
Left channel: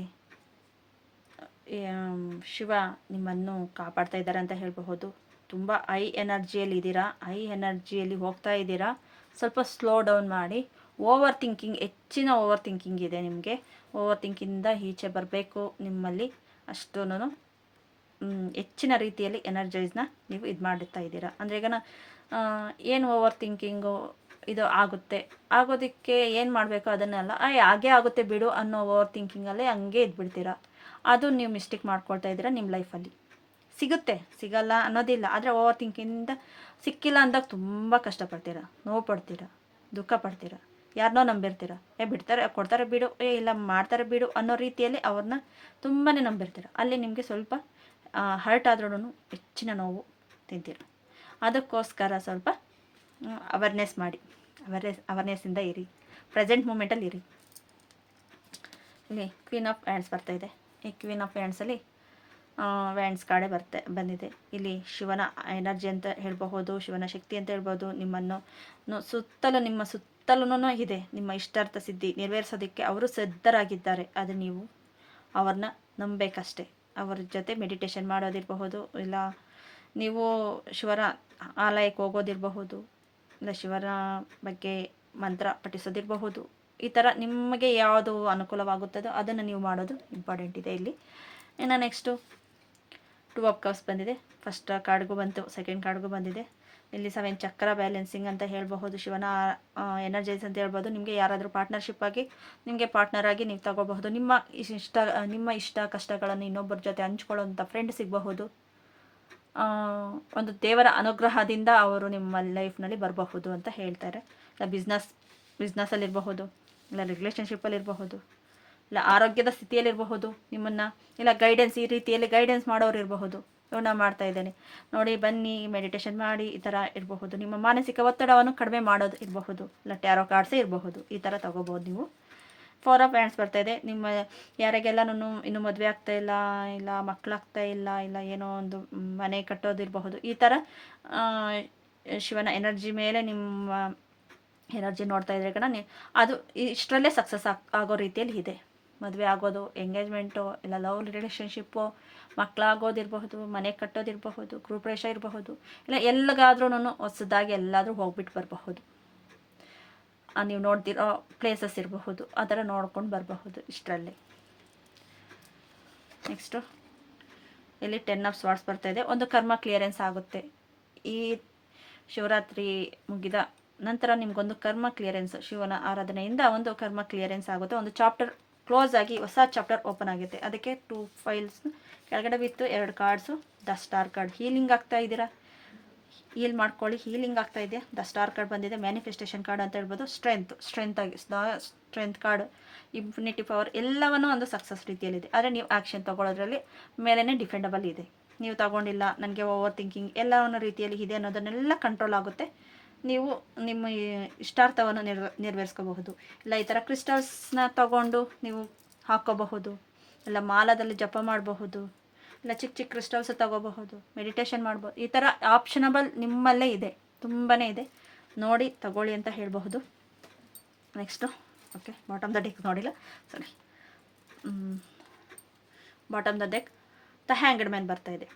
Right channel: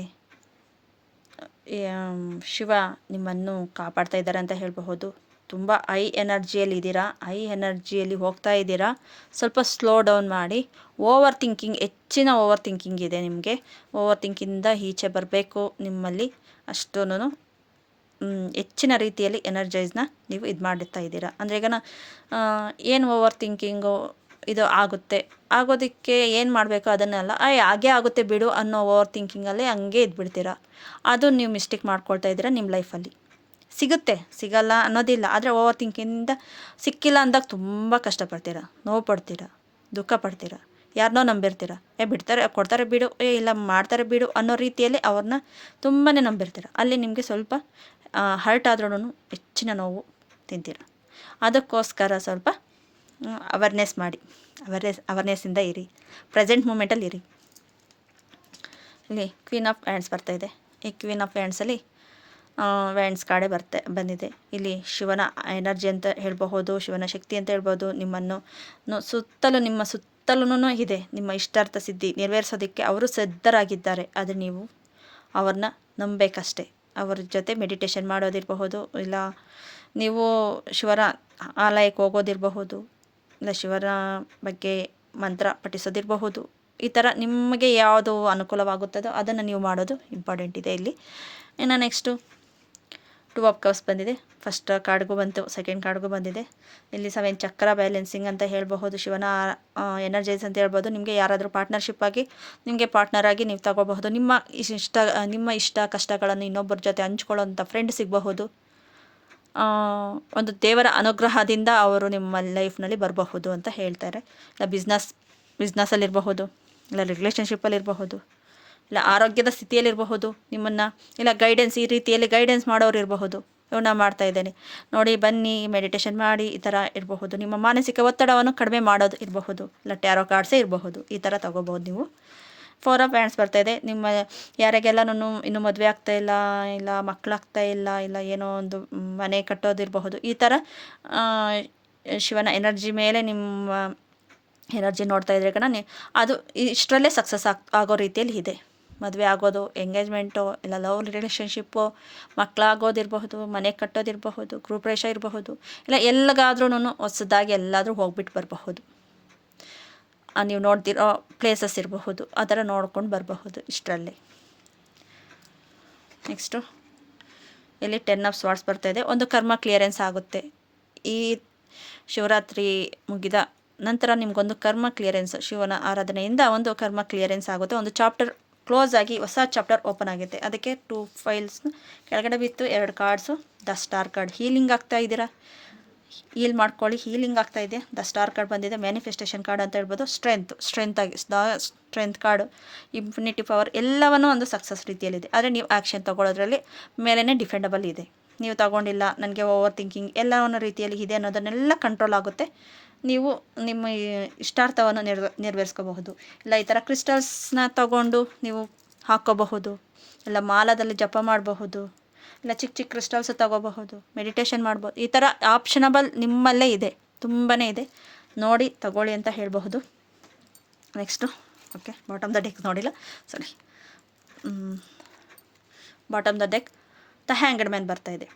ಶಿವ ನಿಮ್ಮನ್ನು ಕಾಪಾಡ್ತಾ ಇದ್ದಾರೆ ಅಂತ ಹೇಳಬಹುದು. ತುಂಬ high ಎನರ್ಜಿಯಲ್ಲಿ ಇದ್ದೀರಾ, ಹೈ ಎನರ್ಜಿಯಲ್ಲಿ ಹೋಗ್ತಾ ಇದ್ದೀರಾ. ಸ್ವಲ್ಪ ಸ್ಲೋ ಡೌನ್ ಮಾಡಿ. ಹೆಚ್ಚಿನ ಓವರ್ ಥಿಂಕಿಂಗ್ ಇದೆ ನಿಮಗೆ. ಓವರ್ ಥಿಂಕಿಂದ ಈಚೆ ಬರಬೇಕು. ನಿಮ್ಮಲ್ಲಿ ಅಷ್ಟೂ ಹೆಚ್ಚಿನ ರೀತಿಯಲ್ಲಿ ಎನರ್ಜೈಸ್ನ ನೀವು ಇದು ಮಾಡುತ್ತಾ ಇದ್ದೀರಾ. ಅಂದರೆ ಈಗ ಏನು ಓವರ್ ಥಿಂಕಿಂಗು ಇದು ಆಗೋದಕ್ಕೆ ಏನು ಮಾಡಬೇಕು ಅದನ್ನೆಲ್ಲ ಹಾಗೇ ಆಗುತ್ತೆ ಬಿಡು ಅನ್ನೋ ಓವರ್ ಥಿಂಕಿಂಗಲ್ಲಿ ಹಂಗೆ ಇದ್ಬಿಡ್ತೀರಾ. ಅದು ನೀವು ಮಿಸ್ಟೇಕ್ ಮಾಡ್ಕೊಳ್ತಾ ಇದ್ದೀರಾ. ನಿಮ್ಮ ಲೈಫಲ್ಲಿ ಸಿಗಲ್ಲ ಅನ್ನೋದಿಲ್ಲ. ಆದರೆ ಓವರ್ ಥಿಂಕಿಂದ ಸಿಕ್ಕಿಲ್ಲ ಅಂದಾಗ ತುಂಬ ಕಷ್ಟಪಡ್ತೀರಾ, ನೋವು ಪಡ್ತೀರಾ, ದುಃಖ ಪಡ್ತೀರಾ. ಯಾರನ್ನೋ ನಂಬಿರ್ತೀರ, ಬಿಡ್ತಾರೆ, ಕೊಡ್ತಾರೆ ಬಿಡು, ಇಲ್ಲ ಮಾಡ್ತಾರೆ ಬಿಡು ಅನ್ನೋ ರೀತಿಯಲ್ಲಿ ಅವ್ರನ್ನ ತುಂಬಾ ನಂಬಿರ್ತೀರ. ಅಲ್ಲಿ ನಿಮಗೆ ಸ್ವಲ್ಪ ಹರ್ಟ್ ಆದ್ರೂ ಹೆಚ್ಚಿನ ನೋವು ತಿಂತೀರ. ಅದಕ್ಕೋಸ್ಕರ ಸ್ವಲ್ಪ ಅವೇರ್ನೆಸ್ ಮಾಡಿ, ಅವೇರ್ನೆಸ್ಸಿಂದ ಇರಿ, ಪ್ರೆಸೆಂಟ್ ಮೂಮೆಂಟಲ್ಲಿ ಇರಿ. ಇಲ್ಲಿ ಕ್ವೀನ್ ಆಫ್ ಹ್ಯಾಂಡ್ಸ್ ಬರ್ತಾಯಿದೆ. ಈ ಕ್ವೀನ್ ಆಫ್ ಹ್ಯಾಂಡ್ಸಲ್ಲಿ ಹ್ಯಾಂಡ್ಸ್ ಕಾರ್ಡೇ ಬಂದಿದೆ. ಇಲ್ಲಿ ಶಿವನ ಎನರ್ಜಿ ಅಂತ ಹೇಳ್ಬಹುದು, ಶಿವನ ಶಕ್ತಿ ಅಂತ ಹೇಳ್ಬೋದು. ನಿಮ್ಮ ಸುತ್ತಲೂ ಇದೆ. ನಿಮ್ಮ ಇಷ್ಟಾರ್ಥ ಸಿದ್ಧಿ ನೆರವೇರಿಸೋದಕ್ಕೆ ಅವರು ಸಿದ್ಧರಾಗಿದ್ದಾರೆ. ಆದರೆ ನೀವು ಅವ್ರನ್ನ ನಂಬಬೇಕಷ್ಟೆ. ಅವ್ರ ಜೊತೆ ಮೆಡಿಟೇಷನ್ ಮಾಡೋದಿರಬಹುದು, ಇಲ್ಲ ನೀವು ಶಿವರ ಆಲಯಕ್ಕೆ ಹೋಗೋದಿರಬಹುದು, ಇಲ್ಲ ಶಿವರ ಬಗ್ಗೆ ಮಂತ್ರ ಪಠಿಸೋದಿರಬಹುದು. ಈ ಥರ ನಿಮಗೆ ಯಾವುದು ಅನುಕೂಲವಾಗುತ್ತದೋ ಅದನ್ನು ನೀವು ಮಾಡೋದು ಇಂಪಾರ್ಟೆಂಟ್ ಇದೆ ಇಲ್ಲಿ. ಇನ್ನು ನೆಕ್ಸ್ಟು ಟೂ ಆಫ್ ಕಪ್ಸ್ ಬಂದಿದೆ, ಫಸ್ಟ್ ಕಾರ್ಡ್ಗೂ ಬಂತು, ಸೆಕೆಂಡ್ ಕಾರ್ಡ್ಗೂ ಬಂದಿದೆ. ಇಲ್ಲಿ 7 ಚಕ್ರ ಬ್ಯಾಲೆನ್ಸಿಂಗ್ ಅಂತ ಹೇಳಬಹುದು, ಶಿವನ ಎನರ್ಜೈಸ್ ಅಂತ ಹೇಳ್ಬೋದು. ನಿಮಗೆ ಯಾರಾದರೂ ಪಾರ್ಟ್ನರ್ಶಿಪ್ ಆಗಿ ನಿಮಗೆ ಪಾರ್ಟ್ನರ್ ಆಗಿ ನೀವು ತಗೋಬಹುದು. ನಿಮ್ಮ ಇಷ್ಟ ಕಷ್ಟಗಳನ್ನು ಇನ್ನೊಬ್ಬರ ಜೊತೆ ಹಂಚ್ಕೊಳ್ಳೋಂಥ ಫ್ರೆಂಡ್ ಸಿಗಬಹುದು. ಒಂದು ದೇವರ ಅನುಗ್ರಹದಿಂದ ಅವರು ನಿಮ್ಮ ಲೈಫ್ನಲ್ಲಿ ಬರಬಹುದು ಅಂತ ಹೇಳ್ತಾರೆ. ಇಲ್ಲ ಬಿಸ್ನೆಸ್ಸಲ್ಲಿರಬಹುದು, ಇಲ್ಲ ರಿಲೇಷನ್ಶಿಪ್ಪಲ್ಲಿರಬಹುದು, ಇಲ್ಲ ಆರೋಗ್ಯದ ಸ್ಥಿತಿಯಲ್ಲಿರಬಹುದು, ನಿಮ್ಮನ್ನು ಇಲ್ಲ ಗೈಡೆನ್ಸ್, ಈ ರೀತಿಯಲ್ಲಿ ಗೈಡೆನ್ಸ್ ಮಾಡೋರು ಇರಬಹುದು. ನಾ ಮಾಡ್ತಾ ಇದ್ದೇನೆ ನೋಡಿ, ಬನ್ನಿ ಮೆಡಿಟೇಷನ್ ಮಾಡಿ, ಈ ಥರ ಇರಬಹುದು. ನಿಮ್ಮ ಮಾನಸಿಕ ಒತ್ತಡವನ್ನು ಕಡಿಮೆ ಮಾಡೋದು ಇರಬಹುದು, ಇಲ್ಲ ಟ್ಯಾರೋ ಕಾರ್ಡ್ಸೇ ಇರಬಹುದು. ಈ ಥರ ತಗೋಬಹುದು ನೀವು. 4 ಆಫ್ ಹ್ಯಾಂಡ್ಸ್ ಬರ್ತಾಯಿದೆ. ನಿಮ್ಮ ಯಾರಿಗೆಲ್ಲನೂ ಇನ್ನೂ ಮದುವೆ ಆಗ್ತಾಯಿಲ್ಲ, ಇಲ್ಲ ಮಕ್ಕಳಾಗ್ತಾ ಇಲ್ಲ, ಇಲ್ಲ ಏನೋ ಒಂದು ಮನೆ ಕಟ್ಟೋದಿರಬಹುದು. ಈ ಥರ ಶಿವನ ಎನರ್ಜಿ ಮೇಲೆ ನಿಮ್ಮ ಎನರ್ಜಿ ನೋಡ್ತಾ ಇದ್ರೆ ಅದು ಇಷ್ಟರಲ್ಲೇ ಸಕ್ಸಸ್ ಆಗೋ ರೀತಿಯಲ್ಲಿ ಇದೆ. ಮದುವೆ ಆಗೋದು, ಎಂಗೇಜ್ಮೆಂಟು, ಇಲ್ಲ ಲವ್ ರಿಲೇಷನ್ಶಿಪ್ಪು, ಮಕ್ಕಳಾಗೋದಿರಬಹುದು, ಮನೆ ಕಟ್ಟೋದಿರಬಹುದು, ಗೃಹಪ್ರವೇಶ ಇರಬಹುದು, ಇಲ್ಲ ಎಲ್ಲಿಗಾದ್ರೂ ಹೊಸದಾಗಿ ಎಲ್ಲಾದರೂ ಹೋಗ್ಬಿಟ್ಟು ಬರಬಹುದು. ನೀವು ನೋಡ್ತಿರೋ ಪ್ಲೇಸಸ್ ಇರಬಹುದು, ಆ ಥರ ನೋಡ್ಕೊಂಡು ಬರಬಹುದು ಇಷ್ಟರಲ್ಲಿ. ನೆಕ್ಸ್ಟು ಇಲ್ಲಿ 10 ಆಫ್ ಸ್ವಾರ್ಡ್ಸ್ ಬರ್ತಾಯಿದೆ. ಒಂದು ಕರ್ಮ ಕ್ಲಿಯರೆನ್ಸ್ ಆಗುತ್ತೆ. ಈ ಶಿವರಾತ್ರಿ ಮುಗಿದ ನಂತರ ನಿಮಗೊಂದು ಕರ್ಮ ಕ್ಲಿಯರೆನ್ಸ್, ಶಿವನ ಆರಾಧನೆಯಿಂದ ಒಂದು ಕರ್ಮ ಕ್ಲಿಯರೆನ್ಸ್ ಆಗುತ್ತೆ. ಒಂದು ಚಾಪ್ಟರ್ ಕ್ಲೋಸ್ ಆಗಿ ಹೊಸ ಚಾಪ್ಟರ್ ಓಪನ್ ಆಗುತ್ತೆ. ಅದಕ್ಕೆ 2 ಫೈಲ್ಸ್ ಕೆಳಗಡೆ ಬಿತ್ತು, 2 cards. The star card, healing ಆಗ್ತಾ ಇದ್ದೀರಾ, ಹೀಲ್ ಮಾಡ್ಕೊಳ್ಳಿ, ಹೀಲಿಂಗ್ ಆಗ್ತಾ ಇದೆ. ದ ಸ್ಟಾರ್ ಕಾರ್ಡ್ ಬಂದಿದೆ, ಮ್ಯಾನಿಫೆಸ್ಟೇಷನ್ ಕಾರ್ಡ್ ಅಂತ ಹೇಳ್ಬೋದು. ಸ್ಟ್ರೆಂತ್ ಆಗಿ the strength card, infinity power, ಎಲ್ಲವನ್ನೂ ಒಂದು ಸಕ್ಸಸ್ ರೀತಿಯಲ್ಲಿದೆ. ಆದರೆ ನೀವು ಆ್ಯಕ್ಷನ್ ತೊಗೊಳ್ಳೋದ್ರಲ್ಲಿ ಮೇಲೇ ಡಿಫೆಂಡಬಲ್ ಇದೆ. ನೀವು ತಗೊಂಡಿಲ್ಲ, ನನಗೆ ಓವರ್ ಥಿಂಕಿಂಗ್ ಎಲ್ಲವನ್ನೋ ರೀತಿಯಲ್ಲಿ ಇದೆ ಅನ್ನೋದನ್ನೆಲ್ಲ ಕಂಟ್ರೋಲ್ ಆಗುತ್ತೆ. ನೀವು ನಿಮ್ಮ ಇಷ್ಟಾರ್ಥವನ್ನು ನೆರವೇರಿಸ್ಕೋಬಹುದು. ಇಲ್ಲ ಈ ಥರ ಕ್ರಿಸ್ಟಲ್ಸ್ನ ತಗೊಂಡು ನೀವು ಹಾಕ್ಕೋಬಹುದು, ಇಲ್ಲ ಮಾಲದಲ್ಲಿ ಜಪ ಮಾಡಬಹುದು, ಇಲ್ಲ ಚಿಕ್ಕ ಚಿಕ್ಕ ಕ್ರಿಸ್ಟಲ್ಸ್ ತಗೋಬಹುದು, ಮೆಡಿಟೇಷನ್ ಮಾಡ್ಬೋದು. ಈ ಥರ ಆಪ್ಷನಬಲ್ ನಿಮ್ಮಲ್ಲೇ ಇದೆ, ತುಂಬಾ ಇದೆ. ನೋಡಿ ತಗೊಳ್ಳಿ ಅಂತ ಹೇಳಬಹುದು. Next okay, bottom the deck ನೋಡಿಲ್ಲ, sorry. Bottom the deck the hanged man ಬರ್ತಾಯಿದೆ.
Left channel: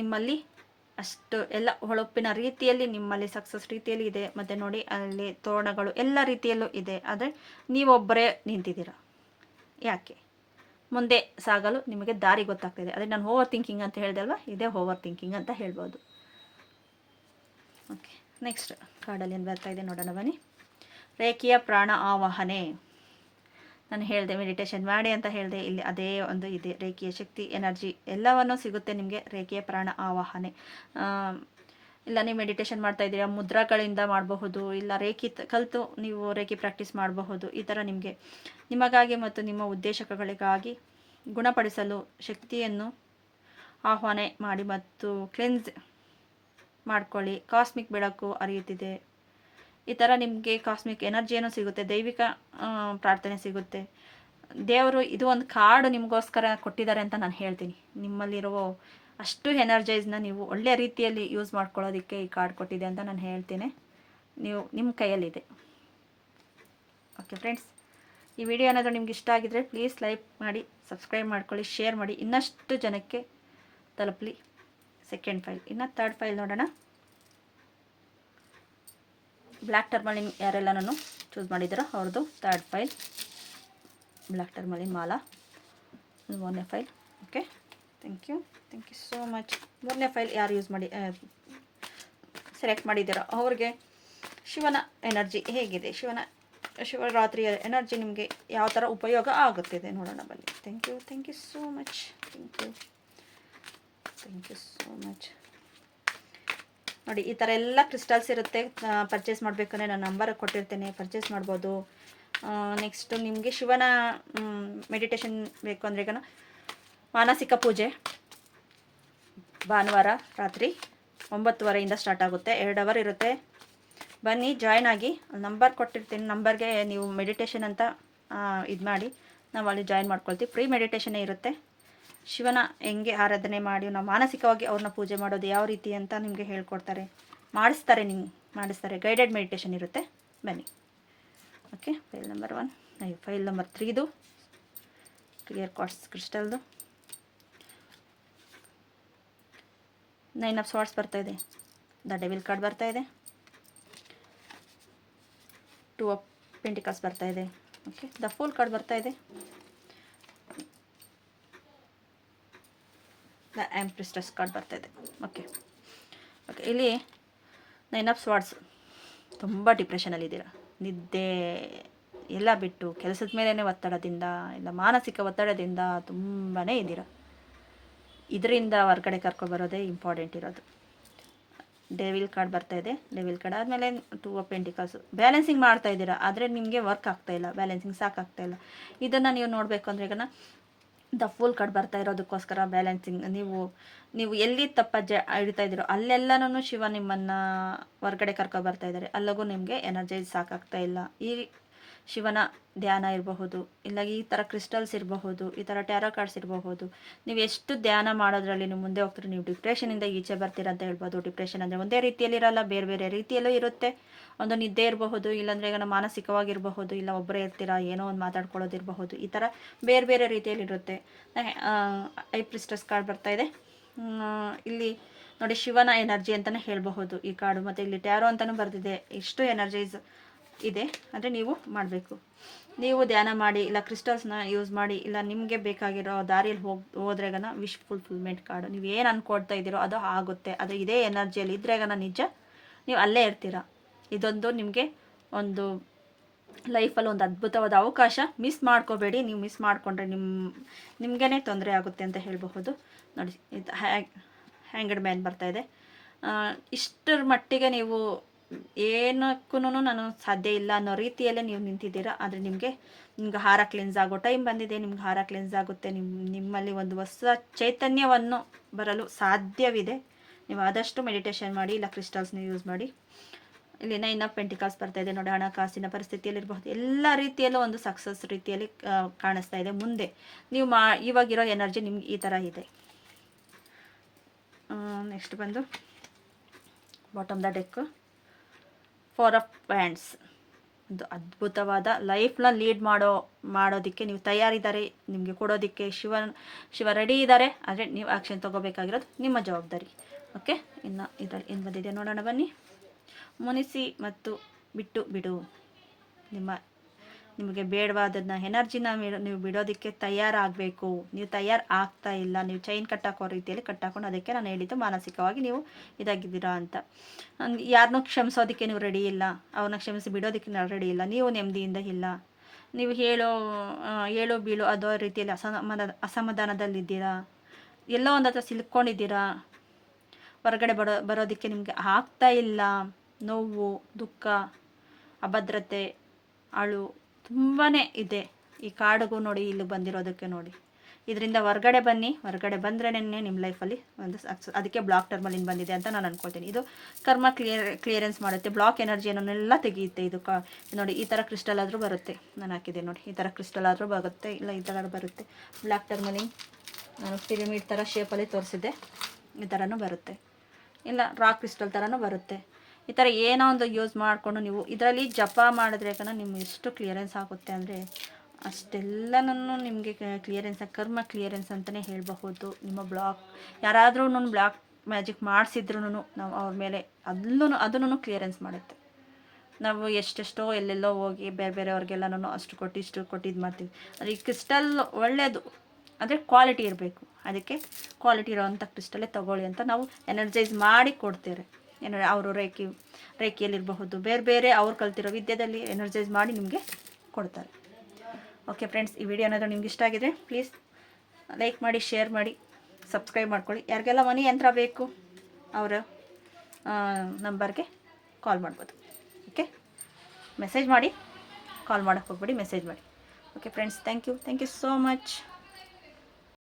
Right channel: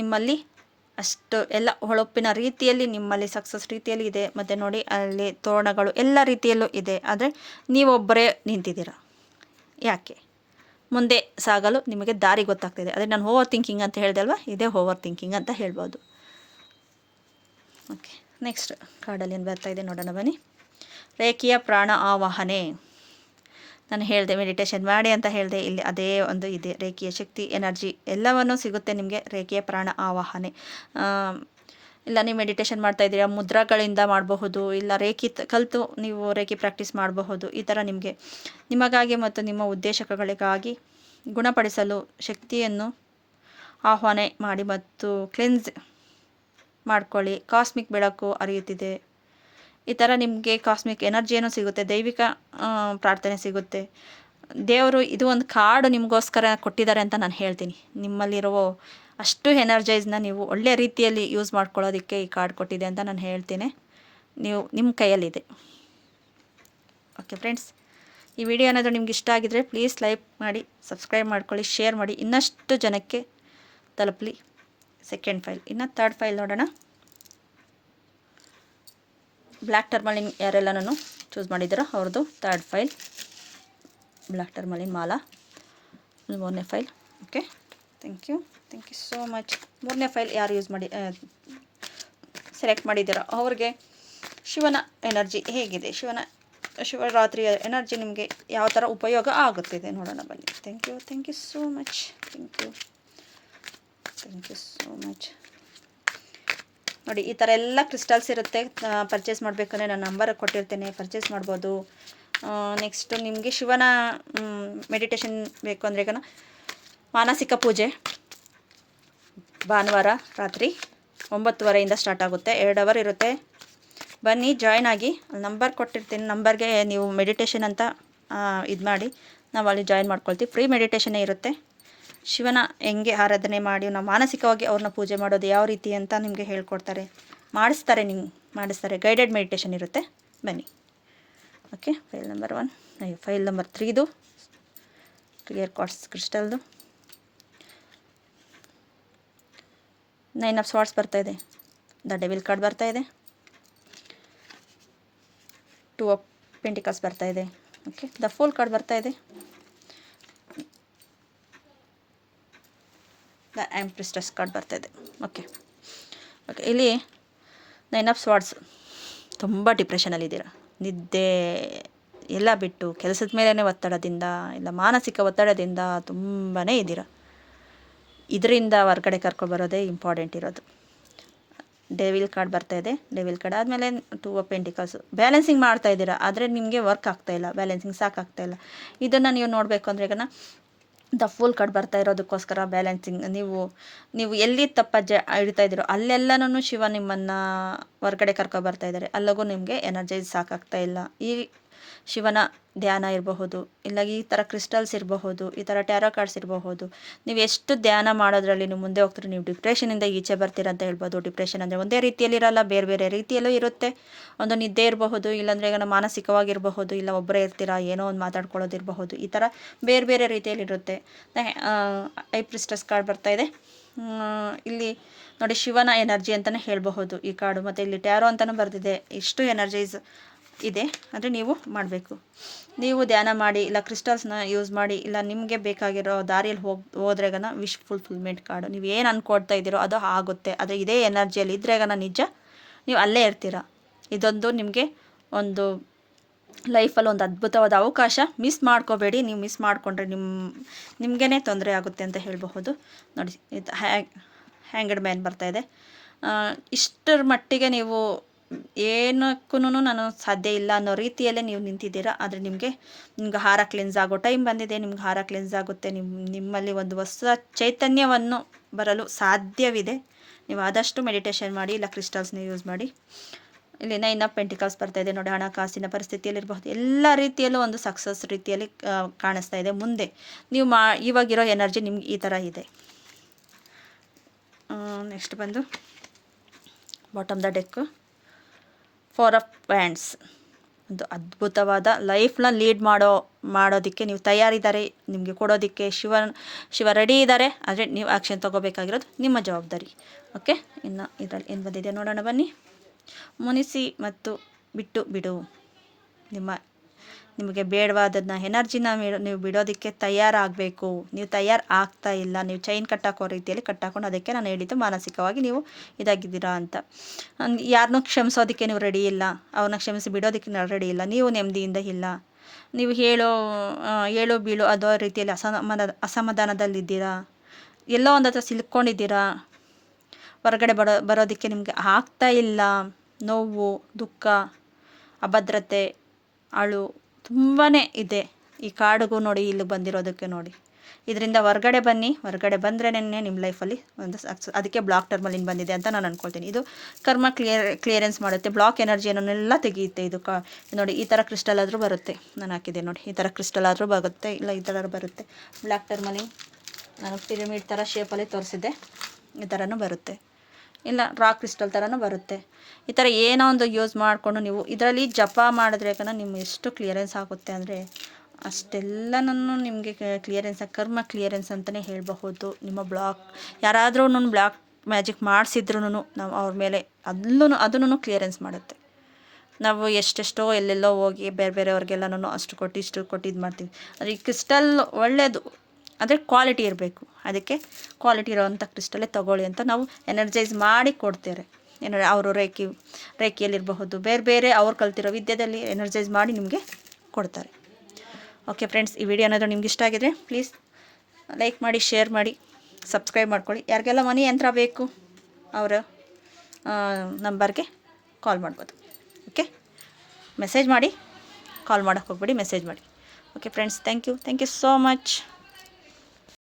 ನಿಮ್ಮಲ್ಲಿ ಅಷ್ಟು ಎಲ್ಲ ಹೊಳಪಿನ ರೀತಿಯಲ್ಲಿ ನಿಮ್ಮಲ್ಲಿ ಸಕ್ಸಸ್ ರೀತಿಯಲ್ಲಿ ಇದೆ. ಮತ್ತು ನೋಡಿ ಅಲ್ಲಿ ತೋರಣಗಳು ಎಲ್ಲ ರೀತಿಯಲ್ಲೂ ಇದೆ. ಆದರೆ ನೀವೊಬ್ಬರೇ ನಿಂತಿದ್ದೀರ. ಯಾಕೆ? ಮುಂದೆ ಸಾಗಲು ನಿಮಗೆ ದಾರಿ ಗೊತ್ತಾಗ್ತಿದೆ. ಅದೇ ನಾನು ಓವರ್ ಥಿಂಕಿಂಗ್ ಅಂತ ಹೇಳಿದೆ ಅಲ್ವಾ, ಇದೇ ಓವರ್ ಥಿಂಕಿಂಗ್ ಅಂತ ಹೇಳ್ಬೋದು. ಓಕೆ, ನೆಕ್ಸ್ಟ್ ಕಾರ್ಡಲ್ಲಿ ಏನು ಬರ್ತಾಯಿದೆ ನೋಡೋಣ ಬನ್ನಿ. ರೇಖೆಯ ಪ್ರಾಣ ಆವಾಹನೆ. ನಾನು ಹೇಳಿದೆ ಮೆಡಿಟೇಷನ್ ಮಾಡಿ ಅಂತ ಹೇಳಿದೆ. ಇಲ್ಲಿ ಅದೇ ಒಂದು ಇದೆ, ರೇಖೆಯ ಶಕ್ತಿ, ಎನರ್ಜಿ ಎಲ್ಲವನ್ನೂ ಸಿಗುತ್ತೆ ನಿಮಗೆ. ರೇಖೆಯ ಪ್ರಾಣ ಆವಾಹನೆ, ಇಲ್ಲ ನೀವು ಮೆಡಿಟೇಷನ್ ಮಾಡ್ತಾಯಿದ್ದೀರಾ, ಮುದ್ರಾಗಳಿಂದ ಮಾಡಬಹುದು, ಇಲ್ಲ ರೇಖೆ ಕಲಿತು ನೀವು ರೇಖೆ ಪ್ರಾಕ್ಟೀಸ್ ಮಾಡಬಹುದು. ಈ ಥರ ನಿಮಗಾಗಿ ಮತ್ತು ನಿಮ್ಮ ಉದ್ದೇಶಗಳಿಗಾಗಿ ಗುಣಪಡಿಸಲು ಶಕ್ತಿಯನ್ನು ಆಹ್ವಾನ ಮಾಡಿ ಮತ್ತು ಕ್ಲೆನ್ಸ್ ಮಾಡ್ಕೊಳ್ಳಿ. ಕಾಸ್ಮಿಕ್ ಬೆಳಕು ಹರಿಯುತ್ತಿದೆ. ಈ ಥರ ನಿಮಗೆ ಕಾಸ್ಮಿಕ್ ಎನರ್ಜಿಯನ್ನು ಸಿಗುತ್ತೆ, ದೈವಿಕ ಪ್ರಾರ್ಥನೆ ಸಿಗುತ್ತೆ. ದೇವರು ಇದು ಒಂದು ಕಾರ್ಡ್ ನಿಮಗೋಸ್ಕರ ಕೊಟ್ಟಿದ್ದಾರೆ ಅಂತ ನಾನು ಹೇಳ್ತೀನಿ. ನಿಮ್ಮಲ್ಲಿರೋ ಅಷ್ಟು ಎನರ್ಜೈಸ್ನ ನೀವು ಒಳ್ಳೆಯ ರೀತಿಯಲ್ಲಿ ಯೂಸ್ ಮಾಡ್ಕೊಳ್ಳೋದಕ್ಕೆ ಈ ಕಾರ್ಡ್ ಕೊಟ್ಟಿದೆ ಅಂತ ನಾನು ಹೇಳ್ತೀನಿ. ನಿಮ್ಮ ಕೈಯಲ್ಲಿದೆ. ಓಕೆ ಫ್ರೆಂಡ್ಸ್, ಈ ವಿಡಿಯೋ ಏನಾದರೂ ನಿಮ್ಗೆ ಇಷ್ಟ ಆಗಿದರೆ ಪ್ಲೀಸ್ ಲೈಕ್ ಮಾಡಿ, ಸಬ್ಸ್ಕ್ರೈಬ್ ಮಾಡ್ಕೊಳ್ಳಿ, ಶೇರ್ ಮಾಡಿ, ಇನ್ನಷ್ಟು ಜನಕ್ಕೆ ತಲುಪಲಿ. ಸೆಕೆಂಡ್ ಫೈಲ್, ಇನ್ನು ಥರ್ಡ್ ಫೈಲ್ ನೋಡೋಣ. ಬ್ಲ್ಯಾಕ್ ಟರ್ಮಲಿನ್ ಯಾರೆಲ್ಲನೂ ಚೂಸ್ ಮಾಡಿದ್ದೀರೋ ಅವ್ರದ್ದು ಥರ್ಡ್ ಫೈಲ್, ಬ್ಲ್ಯಾಕ್ ಟರ್ಮಲಿನ್ ಮಾಲಾ. 3ನೇ file. Okay, thank you so much. 3ನೇ ಫೈಲ್ ಯಾರು ಯೂಸ್ ಮಾಡಿ ಸೆಲೆಕ್ಟ್ ಮಾಡಿದ್ದೀರೋ ಅವ್ರಿಗೆ ಶಿವನ ಎನರ್ಜಿ ಹೇಗಿದೆ, ಶಿವರಾತ್ರಿಯ ಎನರ್ಜಿ ನಿಮಗೆ ಯಾವ ಥರ ಉಪಯೋಗ ಆಗುತ್ತಿದೆ ನೋಡೋಣ ಬನ್ನಿ. Thank you so much. Thank you so much. ನೋಡಿ ಈ ಥರ ಎಲ್ಲ ಕ್ರಿಸ್ಟಲ್ಸ್ ಇರುತ್ತೆ. ಪರ್ಚೇಸ್ ಮಾಡಬೇಕಂದ್ರೆ ನಾನು ನಂಬರ್ ಕೊಟ್ಟಿರ್ತೇನೆ, ಪರ್ಚೇಸ್ ಮಾಡ್ಬೋದು. ನೆಕ್ಸ್ಟು ನಿಮಗೆ ಶಿವನ ಮೆಡಿಟೇಷನ್ ಬೇಕು ಅಂದರೆ ಈಗ ಮಾನಸಿಕ ಪೂಜೆ ಭಾನುವಾರ ರಾತ್ರಿ 9:30 ಸ್ಟಾರ್ಟ್ ಆಗುತ್ತೆ. 2 ಅವರ್ ಇರುತ್ತೆ. ಬನ್ನಿ, ಜಾಯ್ನ್ ಆಗಿ. ನಂಬರ್ ಕೊಟ್ಟಿರ್ತೀನಿ, ನಂಬರ್ಗೆ ನೀವು ಮೆಡಿಟೇಷನ್ ಅಂತ ಇದು ಮಾಡಿ ನಾವು ಅಲ್ಲಿ ಜಾಯ್ನ್ ಮಾಡ್ಕೊಳ್ತೀವಿ. ಫ್ರೀ ಮೆಡಿಟೇಷನ್ನೇ ಇರುತ್ತೆ. ಶಿವನ ಹೆಂಗೆ ಆರಾಧನೆ ಮಾಡಿ ನಾವು ಮಾನಸಿಕವಾಗಿ ಅವ್ರನ್ನ ಪೂಜೆ ಮಾಡೋದು ಯಾವ ರೀತಿ ಅಂತ ನಿಮಗೆ ಹೇಳ್ಕೊಡ್ತಾರೆ, ಮಾಡಿಸ್ತಾರೆ. ಗೈಡೆಡ್ ಮೆಡಿಟೇಷನ್ ಇರುತ್ತೆ. ಬನ್ನಿ. Okay, file number 1, file number 3ದು ಕ್ಲಿಯರ್ ಕ್ವಾರ್ಟ್ಸ್ ಕ್ರಿಸ್ಟಲ್ದು 9 ಆಫ್ ಸ್ವಾರ್ಡ್ಸ್ ಬರ್ತಾಯಿದೆ. ದ ಡೆವಿಲ್ ಕಾರ್ಡ್ ಬರ್ತಾಯಿದೆ. 2 ಆಫ್ ಪೆಂಟಿಕಲ್ಸ್ ಬರ್ತಾಯಿದೆ. ಓಕೆ, ದ ಫೂಲ್ ಕಾರ್ಡ್ ಬರ್ತಾಯಿದೆ. ದ ಎಂಪ್ರೆಸ್ ಕಾರ್ಡ್ ಬರ್ತಾಯಿದೆ. ಓಕೆ ಓಕೆ, ಇಲ್ಲಿ 9 ಆಫ್ ಸ್ವಾರ್ಡ್ಸ್. ತುಂಬ ಡಿಪ್ರೆಷನಲ್ಲಿದ್ದೀರಾ, ನಿದ್ದೆ ಎಲ್ಲ ಬಿಟ್ಟು ಕೆಲಸದ ಮೇಲೇ ಒತ್ತಡದಿಂದ, ಇಲ್ಲ ಮಾನಸಿಕ ಒತ್ತಡದಿಂದ ತುಂಬಾ ಇದ್ದೀರಾ. ಇದರಿಂದ ಹೊರ್ಗಡೆ ಕರ್ಕೊಬರೋದೇ ಇಂಪಾರ್ಟೆಂಟ್ ಇರೋದು. ಡೆವಿಲ್ ಕಾರ್ಡ್ ಬರ್ತಾಯಿದೆ. ಡೆವಿಲ್ ಕಾರ್ಡ್ ಆದಮೇಲೆ 2 ಆಫ್ ಪೆಂಟಿಕಲ್ಸು. ಬ್ಯಾಲೆನ್ಸಿಂಗ್ ಮಾಡ್ತಾ ಇದ್ದೀರಾ, ಆದರೆ ನಿಮಗೆ ವರ್ಕ್ ಆಗ್ತಾಯಿಲ್ಲ, ಬ್ಯಾಲೆನ್ಸಿಂಗ್ ಸಾಕಾಗ್ತಾಯಿಲ್ಲ. ಇದನ್ನು ನೀವು ನೋಡಬೇಕು ಅಂದರೆ ಈಗ ದ ಫುಲ್ ಕಾರ್ಡ್ ಬರ್ತಾ ಇರೋದಕ್ಕೋಸ್ಕರ ಬ್ಯಾಲೆನ್ಸಿಂಗ್ ನೀವು ಎಲ್ಲಿ ಹಿಡ್ತಾ ಇದ್ದೀರೋ ಅಲ್ಲೆಲ್ಲನೂ ಶಿವ ನಿಮ್ಮನ್ನು ಹೊರ್ಗಡೆ ಕರ್ಕೊಬರ್ತಾ ಇದ್ದಾರೆ. ಅಲ್ಲಿಗೂ ನಿಮಗೆ ಎನರ್ಜೈಸ್ ಸಾಕಾಗ್ತಾ ಇಲ್ಲ. ಈ ಶಿವನ ಧ್ಯಾನ ಇರಬಹುದು, ಇಲ್ಲ ಈ ಥರ ಕ್ರಿಸ್ಟಲ್ಸ್ ಇರಬಹುದು, ಈ ಥರ ಟ್ಯಾರೋ ಕಾರ್ಡ್ಸ್ ಇರಬಹುದು. ನೀವು ಎಷ್ಟು ಧ್ಯಾನ ಮಾಡೋದ್ರಲ್ಲಿ ನೀವು ಮುಂದೆ ಹೋಗ್ತೀರಿ, ನೀವು ಡಿಪ್ರೆಷನಿಂದ ಈಚೆ ಬರ್ತೀರ ಅಂತ ಹೇಳ್ಬೋದು. ಡಿಪ್ರೆಷನ್ ಅಂದರೆ ಒಂದೇ ರೀತಿಯಲ್ಲಿರಲ್ಲ, ಬೇರೆ ಬೇರೆ ರೀತಿಯಲ್ಲೂ ಇರುತ್ತೆ. ಒಂದು ನಿದ್ದೆ ಇರಬಹುದು, ಇಲ್ಲಾಂದರೆ ಈಗ ಮಾನಸಿಕವಾಗಿರಬಹುದು, ಇಲ್ಲ ಒಬ್ಬರೇ ಇರ್ತೀರಾ, ಏನೋ ಒಂದು ಮಾತಾಡ್ಕೊಳ್ಳೋದಿರಬಹುದು. ಈ ಥರ ಬೇರೆ ಬೇರೆ ರೀತಿಯಲ್ಲಿರುತ್ತೆ. ಐ ಪ್ರಿಸ್ಟಸ್ ಕಾರ್ಡ್ ಬರ್ತಾಯಿದೆ. ಇಲ್ಲಿ ನೋಡಿ, ಶಿವನ ಎನರ್ಜಿ ಅಂತಲೇ ಹೇಳಬಹುದು ಈ ಕಾರ್ಡು. ಮತ್ತು ಇಲ್ಲಿ ಟ್ಯಾರೋ ಅಂತಲೂ ಬರೆದಿದೆ. ಇಷ್ಟು ಎನರ್ಜೈಸ್ ಇದೆ. ಅಂದರೆ ನೀವು ಮಾಡಬೇಕು, ನೀವು ಧ್ಯಾನ ಮಾಡಿ, ಇಲ್ಲ ಕ್ರಿಸ್ಟಲ್ಸ್ನ ಯೂಸ್ ಮಾಡಿ, ಇಲ್ಲ ನಿಮಗೆ ಬೇಕಾಗಿರೋ ದಾರಿಯಲ್ಲಿ ಹೋದ್ರೆಗನ ವಿಶ್ ಫುಲ್ಫಿಲ್ಮೆಂಟ್ ಕಾರ್ಡು. ನೀವು ಏನು ಅಂದ್ಕೊಳ್ತಾ ಇದ್ದೀರೋ ಅದು ಆಗುತ್ತೆ. ಅದು ಇದೇ ಎನರ್ಜಿಯಲ್ಲಿ ಇದ್ರೆಗನ ನಿಜ ನೀವು ಅಲ್ಲೇ ಇರ್ತೀರ. ಇದೊಂದು ನಿಮಗೆ ಒಂದು ಲೈಫಲ್ಲಿ ಒಂದು ಅದ್ಭುತವಾದ ಅವಕಾಶ. ಮಿಸ್ ಮಾಡ್ಕೋಬೇಡಿ. ನೀವು ಮಿಸ್ ಮಾಡಿಕೊಂಡ್ರೆ ನಿಮಗೇ ತೊಂದರೆ ಆಗುತ್ತೆ ಅಂತ ಹೇಳಬಹುದು. ನೋಡಿ, ಇದು ಹ್ಯಾಂಗಡ್ ಮ್ಯಾನ್ ಬರ್ತಾಯಿದೆ. ಇಷ್ಟರ ಮಟ್ಟಿಗೆ ನೀವು ಏನಕ್ಕೂ ನಾನು ಸಾಧ್ಯ ಇಲ್ಲ ಅನ್ನೋ ರೀತಿಯಲ್ಲೇ ನೀವು ನಿಂತಿದ್ದೀರಾ. ಆದರೆ ನಿಮಗೆ ಹಾರ ಕ್ಲೆನ್ಸ್ ಆಗೋ ಟೈಮ್ ಬಂದಿದೆ. ನಿಮ್ಗೆ ಹಾರ ಕ್ಲೆನ್ಸ್ ಆಗುತ್ತೆ. ನಿಮ್ಮಲ್ಲಿ ಒಂದು ಹೊಸ ಚೈತನ್ಯವನ್ನು ಬರಲು ಸಾಧ್ಯವಿದೆ. ನೀವು ಆದಷ್ಟು ಮೆಡಿಟೇಷನ್ ಮಾಡಿ, ಇಲ್ಲ ಕ್ರಿಸ್ಟಲ್ಸ್ನ ಯೂಸ್ ಮಾಡಿ. ಇಲ್ಲಿ 9 ಆಫ್ ಪೆಂಟಿಕಲ್ಸ್ ಬರ್ತಾಯಿದೆ. ನೋಡಿ, ಹಣಕಾಸಿನ ಪರಿಸ್ಥಿತಿಯಲ್ಲಿರಬಹುದು, ಎಲ್ಲ ರೀತಿಯಲ್ಲೂ ಒಂದು ಸಕ್ಸಸ್ ರೀತಿಯಲ್ಲಿ ಕಾಣಿಸ್ತಾ ಇದೆ. ಮುಂದೆ ನೀವು ಇವಾಗಿರೋ ಎನರ್ಜಿ ನಿಮ್ಗೆ ಈ ಥರ ಇದೆ. ನೆಕ್ಸ್ಟ್ ಬಂದು bottom the deck 4 of wands. ಒಂದು ಅದ್ಭುತವಾದ ಲೈಫ್ನ ಲೀಡ್ ಮಾಡೋದಕ್ಕೆ ನೀವು ತಯಾರಿದ್ದಾರೆ. ನಿಮಗೆ ಕೊಡೋದಕ್ಕೆ ಶಿವ ರೆಡಿ ಇದ್ದಾರೆ. ಆದರೆ ನೀವು ಆ್ಯಕ್ಷನ್ ತೊಗೋಬೇಕಾಗಿರೋದು ನಿಮ್ಮ ಜವಾಬ್ದಾರಿ. ಓಕೆ, ಇನ್ನು ಇದರಲ್ಲಿ ಏನು ಬಂದಿದೆ ನೋಡೋಣ ಬನ್ನಿ. ಮುನಿಸಿ ಮತ್ತು ಬಿಟ್ಟು ಬಿಡು. ನಿಮಗೆ ಬೇಡವಾದದನ್ನ ಎನರ್ಜಿನ ನೀವು ಬಿಡೋದಕ್ಕೆ ತಯಾರಾಗಬೇಕು. ನೀವು ತಯಾರು ಆಗ್ತಾ ಇಲ್ಲ. ನೀವು ಚೈನ್ ಕಟ್ಟಾಕೋ ರೀತಿಯಲ್ಲಿ ಕಟ್ಟಾಕೊಂಡು, ಅದಕ್ಕೆ ನಾನು ಹೇಳಿದ್ದು ಮಾನಸಿಕವಾಗಿ ನೀವು ಇದಾಗಿದ್ದೀರಾ ಅಂತ. ಯಾರನ್ನೂ ಕ್ಷಮಿಸೋದಕ್ಕೆ ನೀವು ರೆಡಿ ಇಲ್ಲ, ಅವ್ರನ್ನ ಕ್ಷಮಿಸಿ ಬಿಡೋದಕ್ಕೆ ನೀವು ರೆಡಿ ಇಲ್ಲ. ನೀವು ನೆಮ್ಮದಿಯಿಂದ ಇಲ್ಲ. ನೀವು ಹೇಳೋ ಬೀಳು ಅದೋ ರೀತಿಯಲ್ಲಿ ಅಸಮಾಧಾನದಲ್ಲಿದ್ದೀರಾ. ಎಲ್ಲೋ ಒಂದು ಹತ್ರ ಸಿಲ್ಕೊಂಡಿದ್ದೀರಾ. ಹೊರಗಡೆ ಬರೋದಕ್ಕೆ ನಿಮಗೆ ಆಗ್ತಾ ಇಲ್ಲ. ನೋವು, ದುಃಖ, ಅಭದ್ರತೆ, ಅಳು ತುಂಬಾ ಇದೆ. ಈ ಕಾರ್ಡ್ಗೂ ನೋಡಿ, ಇಲ್ಲಿ ಬಂದಿರೋದಕ್ಕೆ ನೋಡಿ. ಇದರಿಂದ ಹೊರಗಡೆ ಬನ್ನಿ. ಹೊರಗಡೆ ಬಂದ್ರೇ ನಿಮ್ಮ ಲೈಫಲ್ಲಿ ಒಂದು ಸಕ್ಸಸ್. ಅದಕ್ಕೆ ಬ್ಲಾಕ್ ಟರ್ಮಲಿನ್ ಬಂದಿದೆ ಅಂತ ನಾನು ಅಂದ್ಕೊಳ್ತೀನಿ. ಇದು ಕರ್ಮ ಕ್ಲಿಯರೆನ್ಸ್ ಮಾಡುತ್ತೆ. ಬ್ಲಾಕ್ ಎನರ್ಜಿಯನ್ನೆಲ್ಲ ತೆಗೆಯುತ್ತೆ. ಇದು ನೋಡಿ, ಈ ಥರ ಕ್ರಿಸ್ಟಲ್ ಆದರೂ ಬರುತ್ತೆ. ನಾನು ಹಾಕಿದೆ ನೋಡಿ, ಈ ಥರ ಕ್ರಿಸ್ಟಲ್ ಆದರೂ ಬರುತ್ತೆ, ಇಲ್ಲ ಈ ಥರ ಬರುತ್ತೆ. ಬ್ಲಾಕ್ ಟರ್ಮಲಿನ್ ನಾನು ಪಿರಮಿಡ್ ಥರ ಶೇಪಲ್ಲಿ ತೋರಿಸಿದ್ದೆ. ಈ ಥರನೂ ಬರುತ್ತೆ, ಇಲ್ಲ ರಾಕ್ ಕ್ರಿಸ್ಟಲ್ ಥರನೂ ಬರುತ್ತೆ. ಈ ಥರ ಏನೋ ಒಂದು ಯೂಸ್ ಮಾಡಿಕೊಂಡು ನೀವು ಇದರಲ್ಲಿ ಜಪ ಮಾಡಿದ್ರೆ ನಿಮ್ಗೆ ಎಷ್ಟು ಕ್ಲಿಯರೆನ್ಸ್ ಆಗುತ್ತೆ ಅಂದರೆ ಅಷ್ಟೆಲ್ಲನೂ ನಿಮಗೆ ಕ್ಲಿಯರೆನ್ಸ್, ಕರ್ಮ ಕ್ಲಿಯರೆನ್ಸ್ ಅಂತಲೇ ಹೇಳಬಹುದು. ನಿಮ್ಮ ಬ್ಲಾಕ್ ಯಾರಾದರೂ ಬ್ಲಾಕ್ ಮ್ಯಾಜಿಕ್ ಮಾಡಿಸಿದ್ರೂ ನಾವು ಅವ್ರ ಮೇಲೆ ಅದನ್ನು ಕ್ಲಿಯರೆನ್ಸ್ ಮಾಡುತ್ತೆ. ನಾವು ಎಷ್ಟೆಷ್ಟೋ ಎಲ್ಲೆಲ್ಲೋ ಹೋಗಿ ಬೇರೆಯವ್ರಿಗೆಲ್ಲನೂ ಅಷ್ಟು ಕೊಟ್ಟು ಇಷ್ಟು ಕೊಟ್ಟು ಇದು ಮಾಡ್ತೀವಿ. ಆದರೆ ಈ ಕ್ರಿಸ್ಟಲ್ ಒಳ್ಳೆಯದು, ಆದರೆ ಕ್ವಾಲಿಟಿ ಇರಬೇಕು. ಅದಕ್ಕೆ ಕ್ವಾಲಿಟಿ ಇರೋವಂಥ ಕ್ರಿಸ್ಟಲ್ಲೇ ತೊಗೊಳ್ಳಿ ಅಂತ ನಾವು ಎನರ್ಜೈಸ್ ಮಾಡಿ ಕೊಡ್ತೇವೆ. ಅವರು ರೇಖಿಯಲ್ಲಿರಬಹುದು, ಬೇರೆ ಅವ್ರು ಕಲ್ತಿರೋ ವಿದ್ಯೆಯಲ್ಲಿ ಎನರ್ಜೈಸ್ ಮಾಡಿ ನಿಮಗೆ ಕೊಡ್ತಾರೆ. ಓಕೆ ಫ್ರೆಂಡ್ಸ್, ಈ ವಿಡಿಯೋ ಏನಾದರೂ ನಿಮ್ಗೆ ಇಷ್ಟ ಆಗಿದ್ರೆ ಪ್ಲೀಸ್ ಲೈಕ್ ಮಾಡಿ, ಶೇರ್ ಮಾಡಿ, ಸಬ್ಸ್ಕ್ರೈಬ್ ಮಾಡ್ಕೊಳ್ಳಿ. ಯಾರಿಗೆಲ್ಲ ಮನಿ ಯಂತ್ರ ಬೇಕು ಅವರ ನಂಬರ್ಗೆ ಕಾಲ್ ಮಾಡ್ಬೋದು. ಓಕೆ, ಮೆಸೇಜ್ ಮಾಡಿ, ಕಾಲ್ ಮಾಡೋಕ್ಕೆ ಹೋಗ್ಬೇಡಿ, ಮೆಸೇಜ್ ಮಾಡಿ. Okay friends, thank you so much.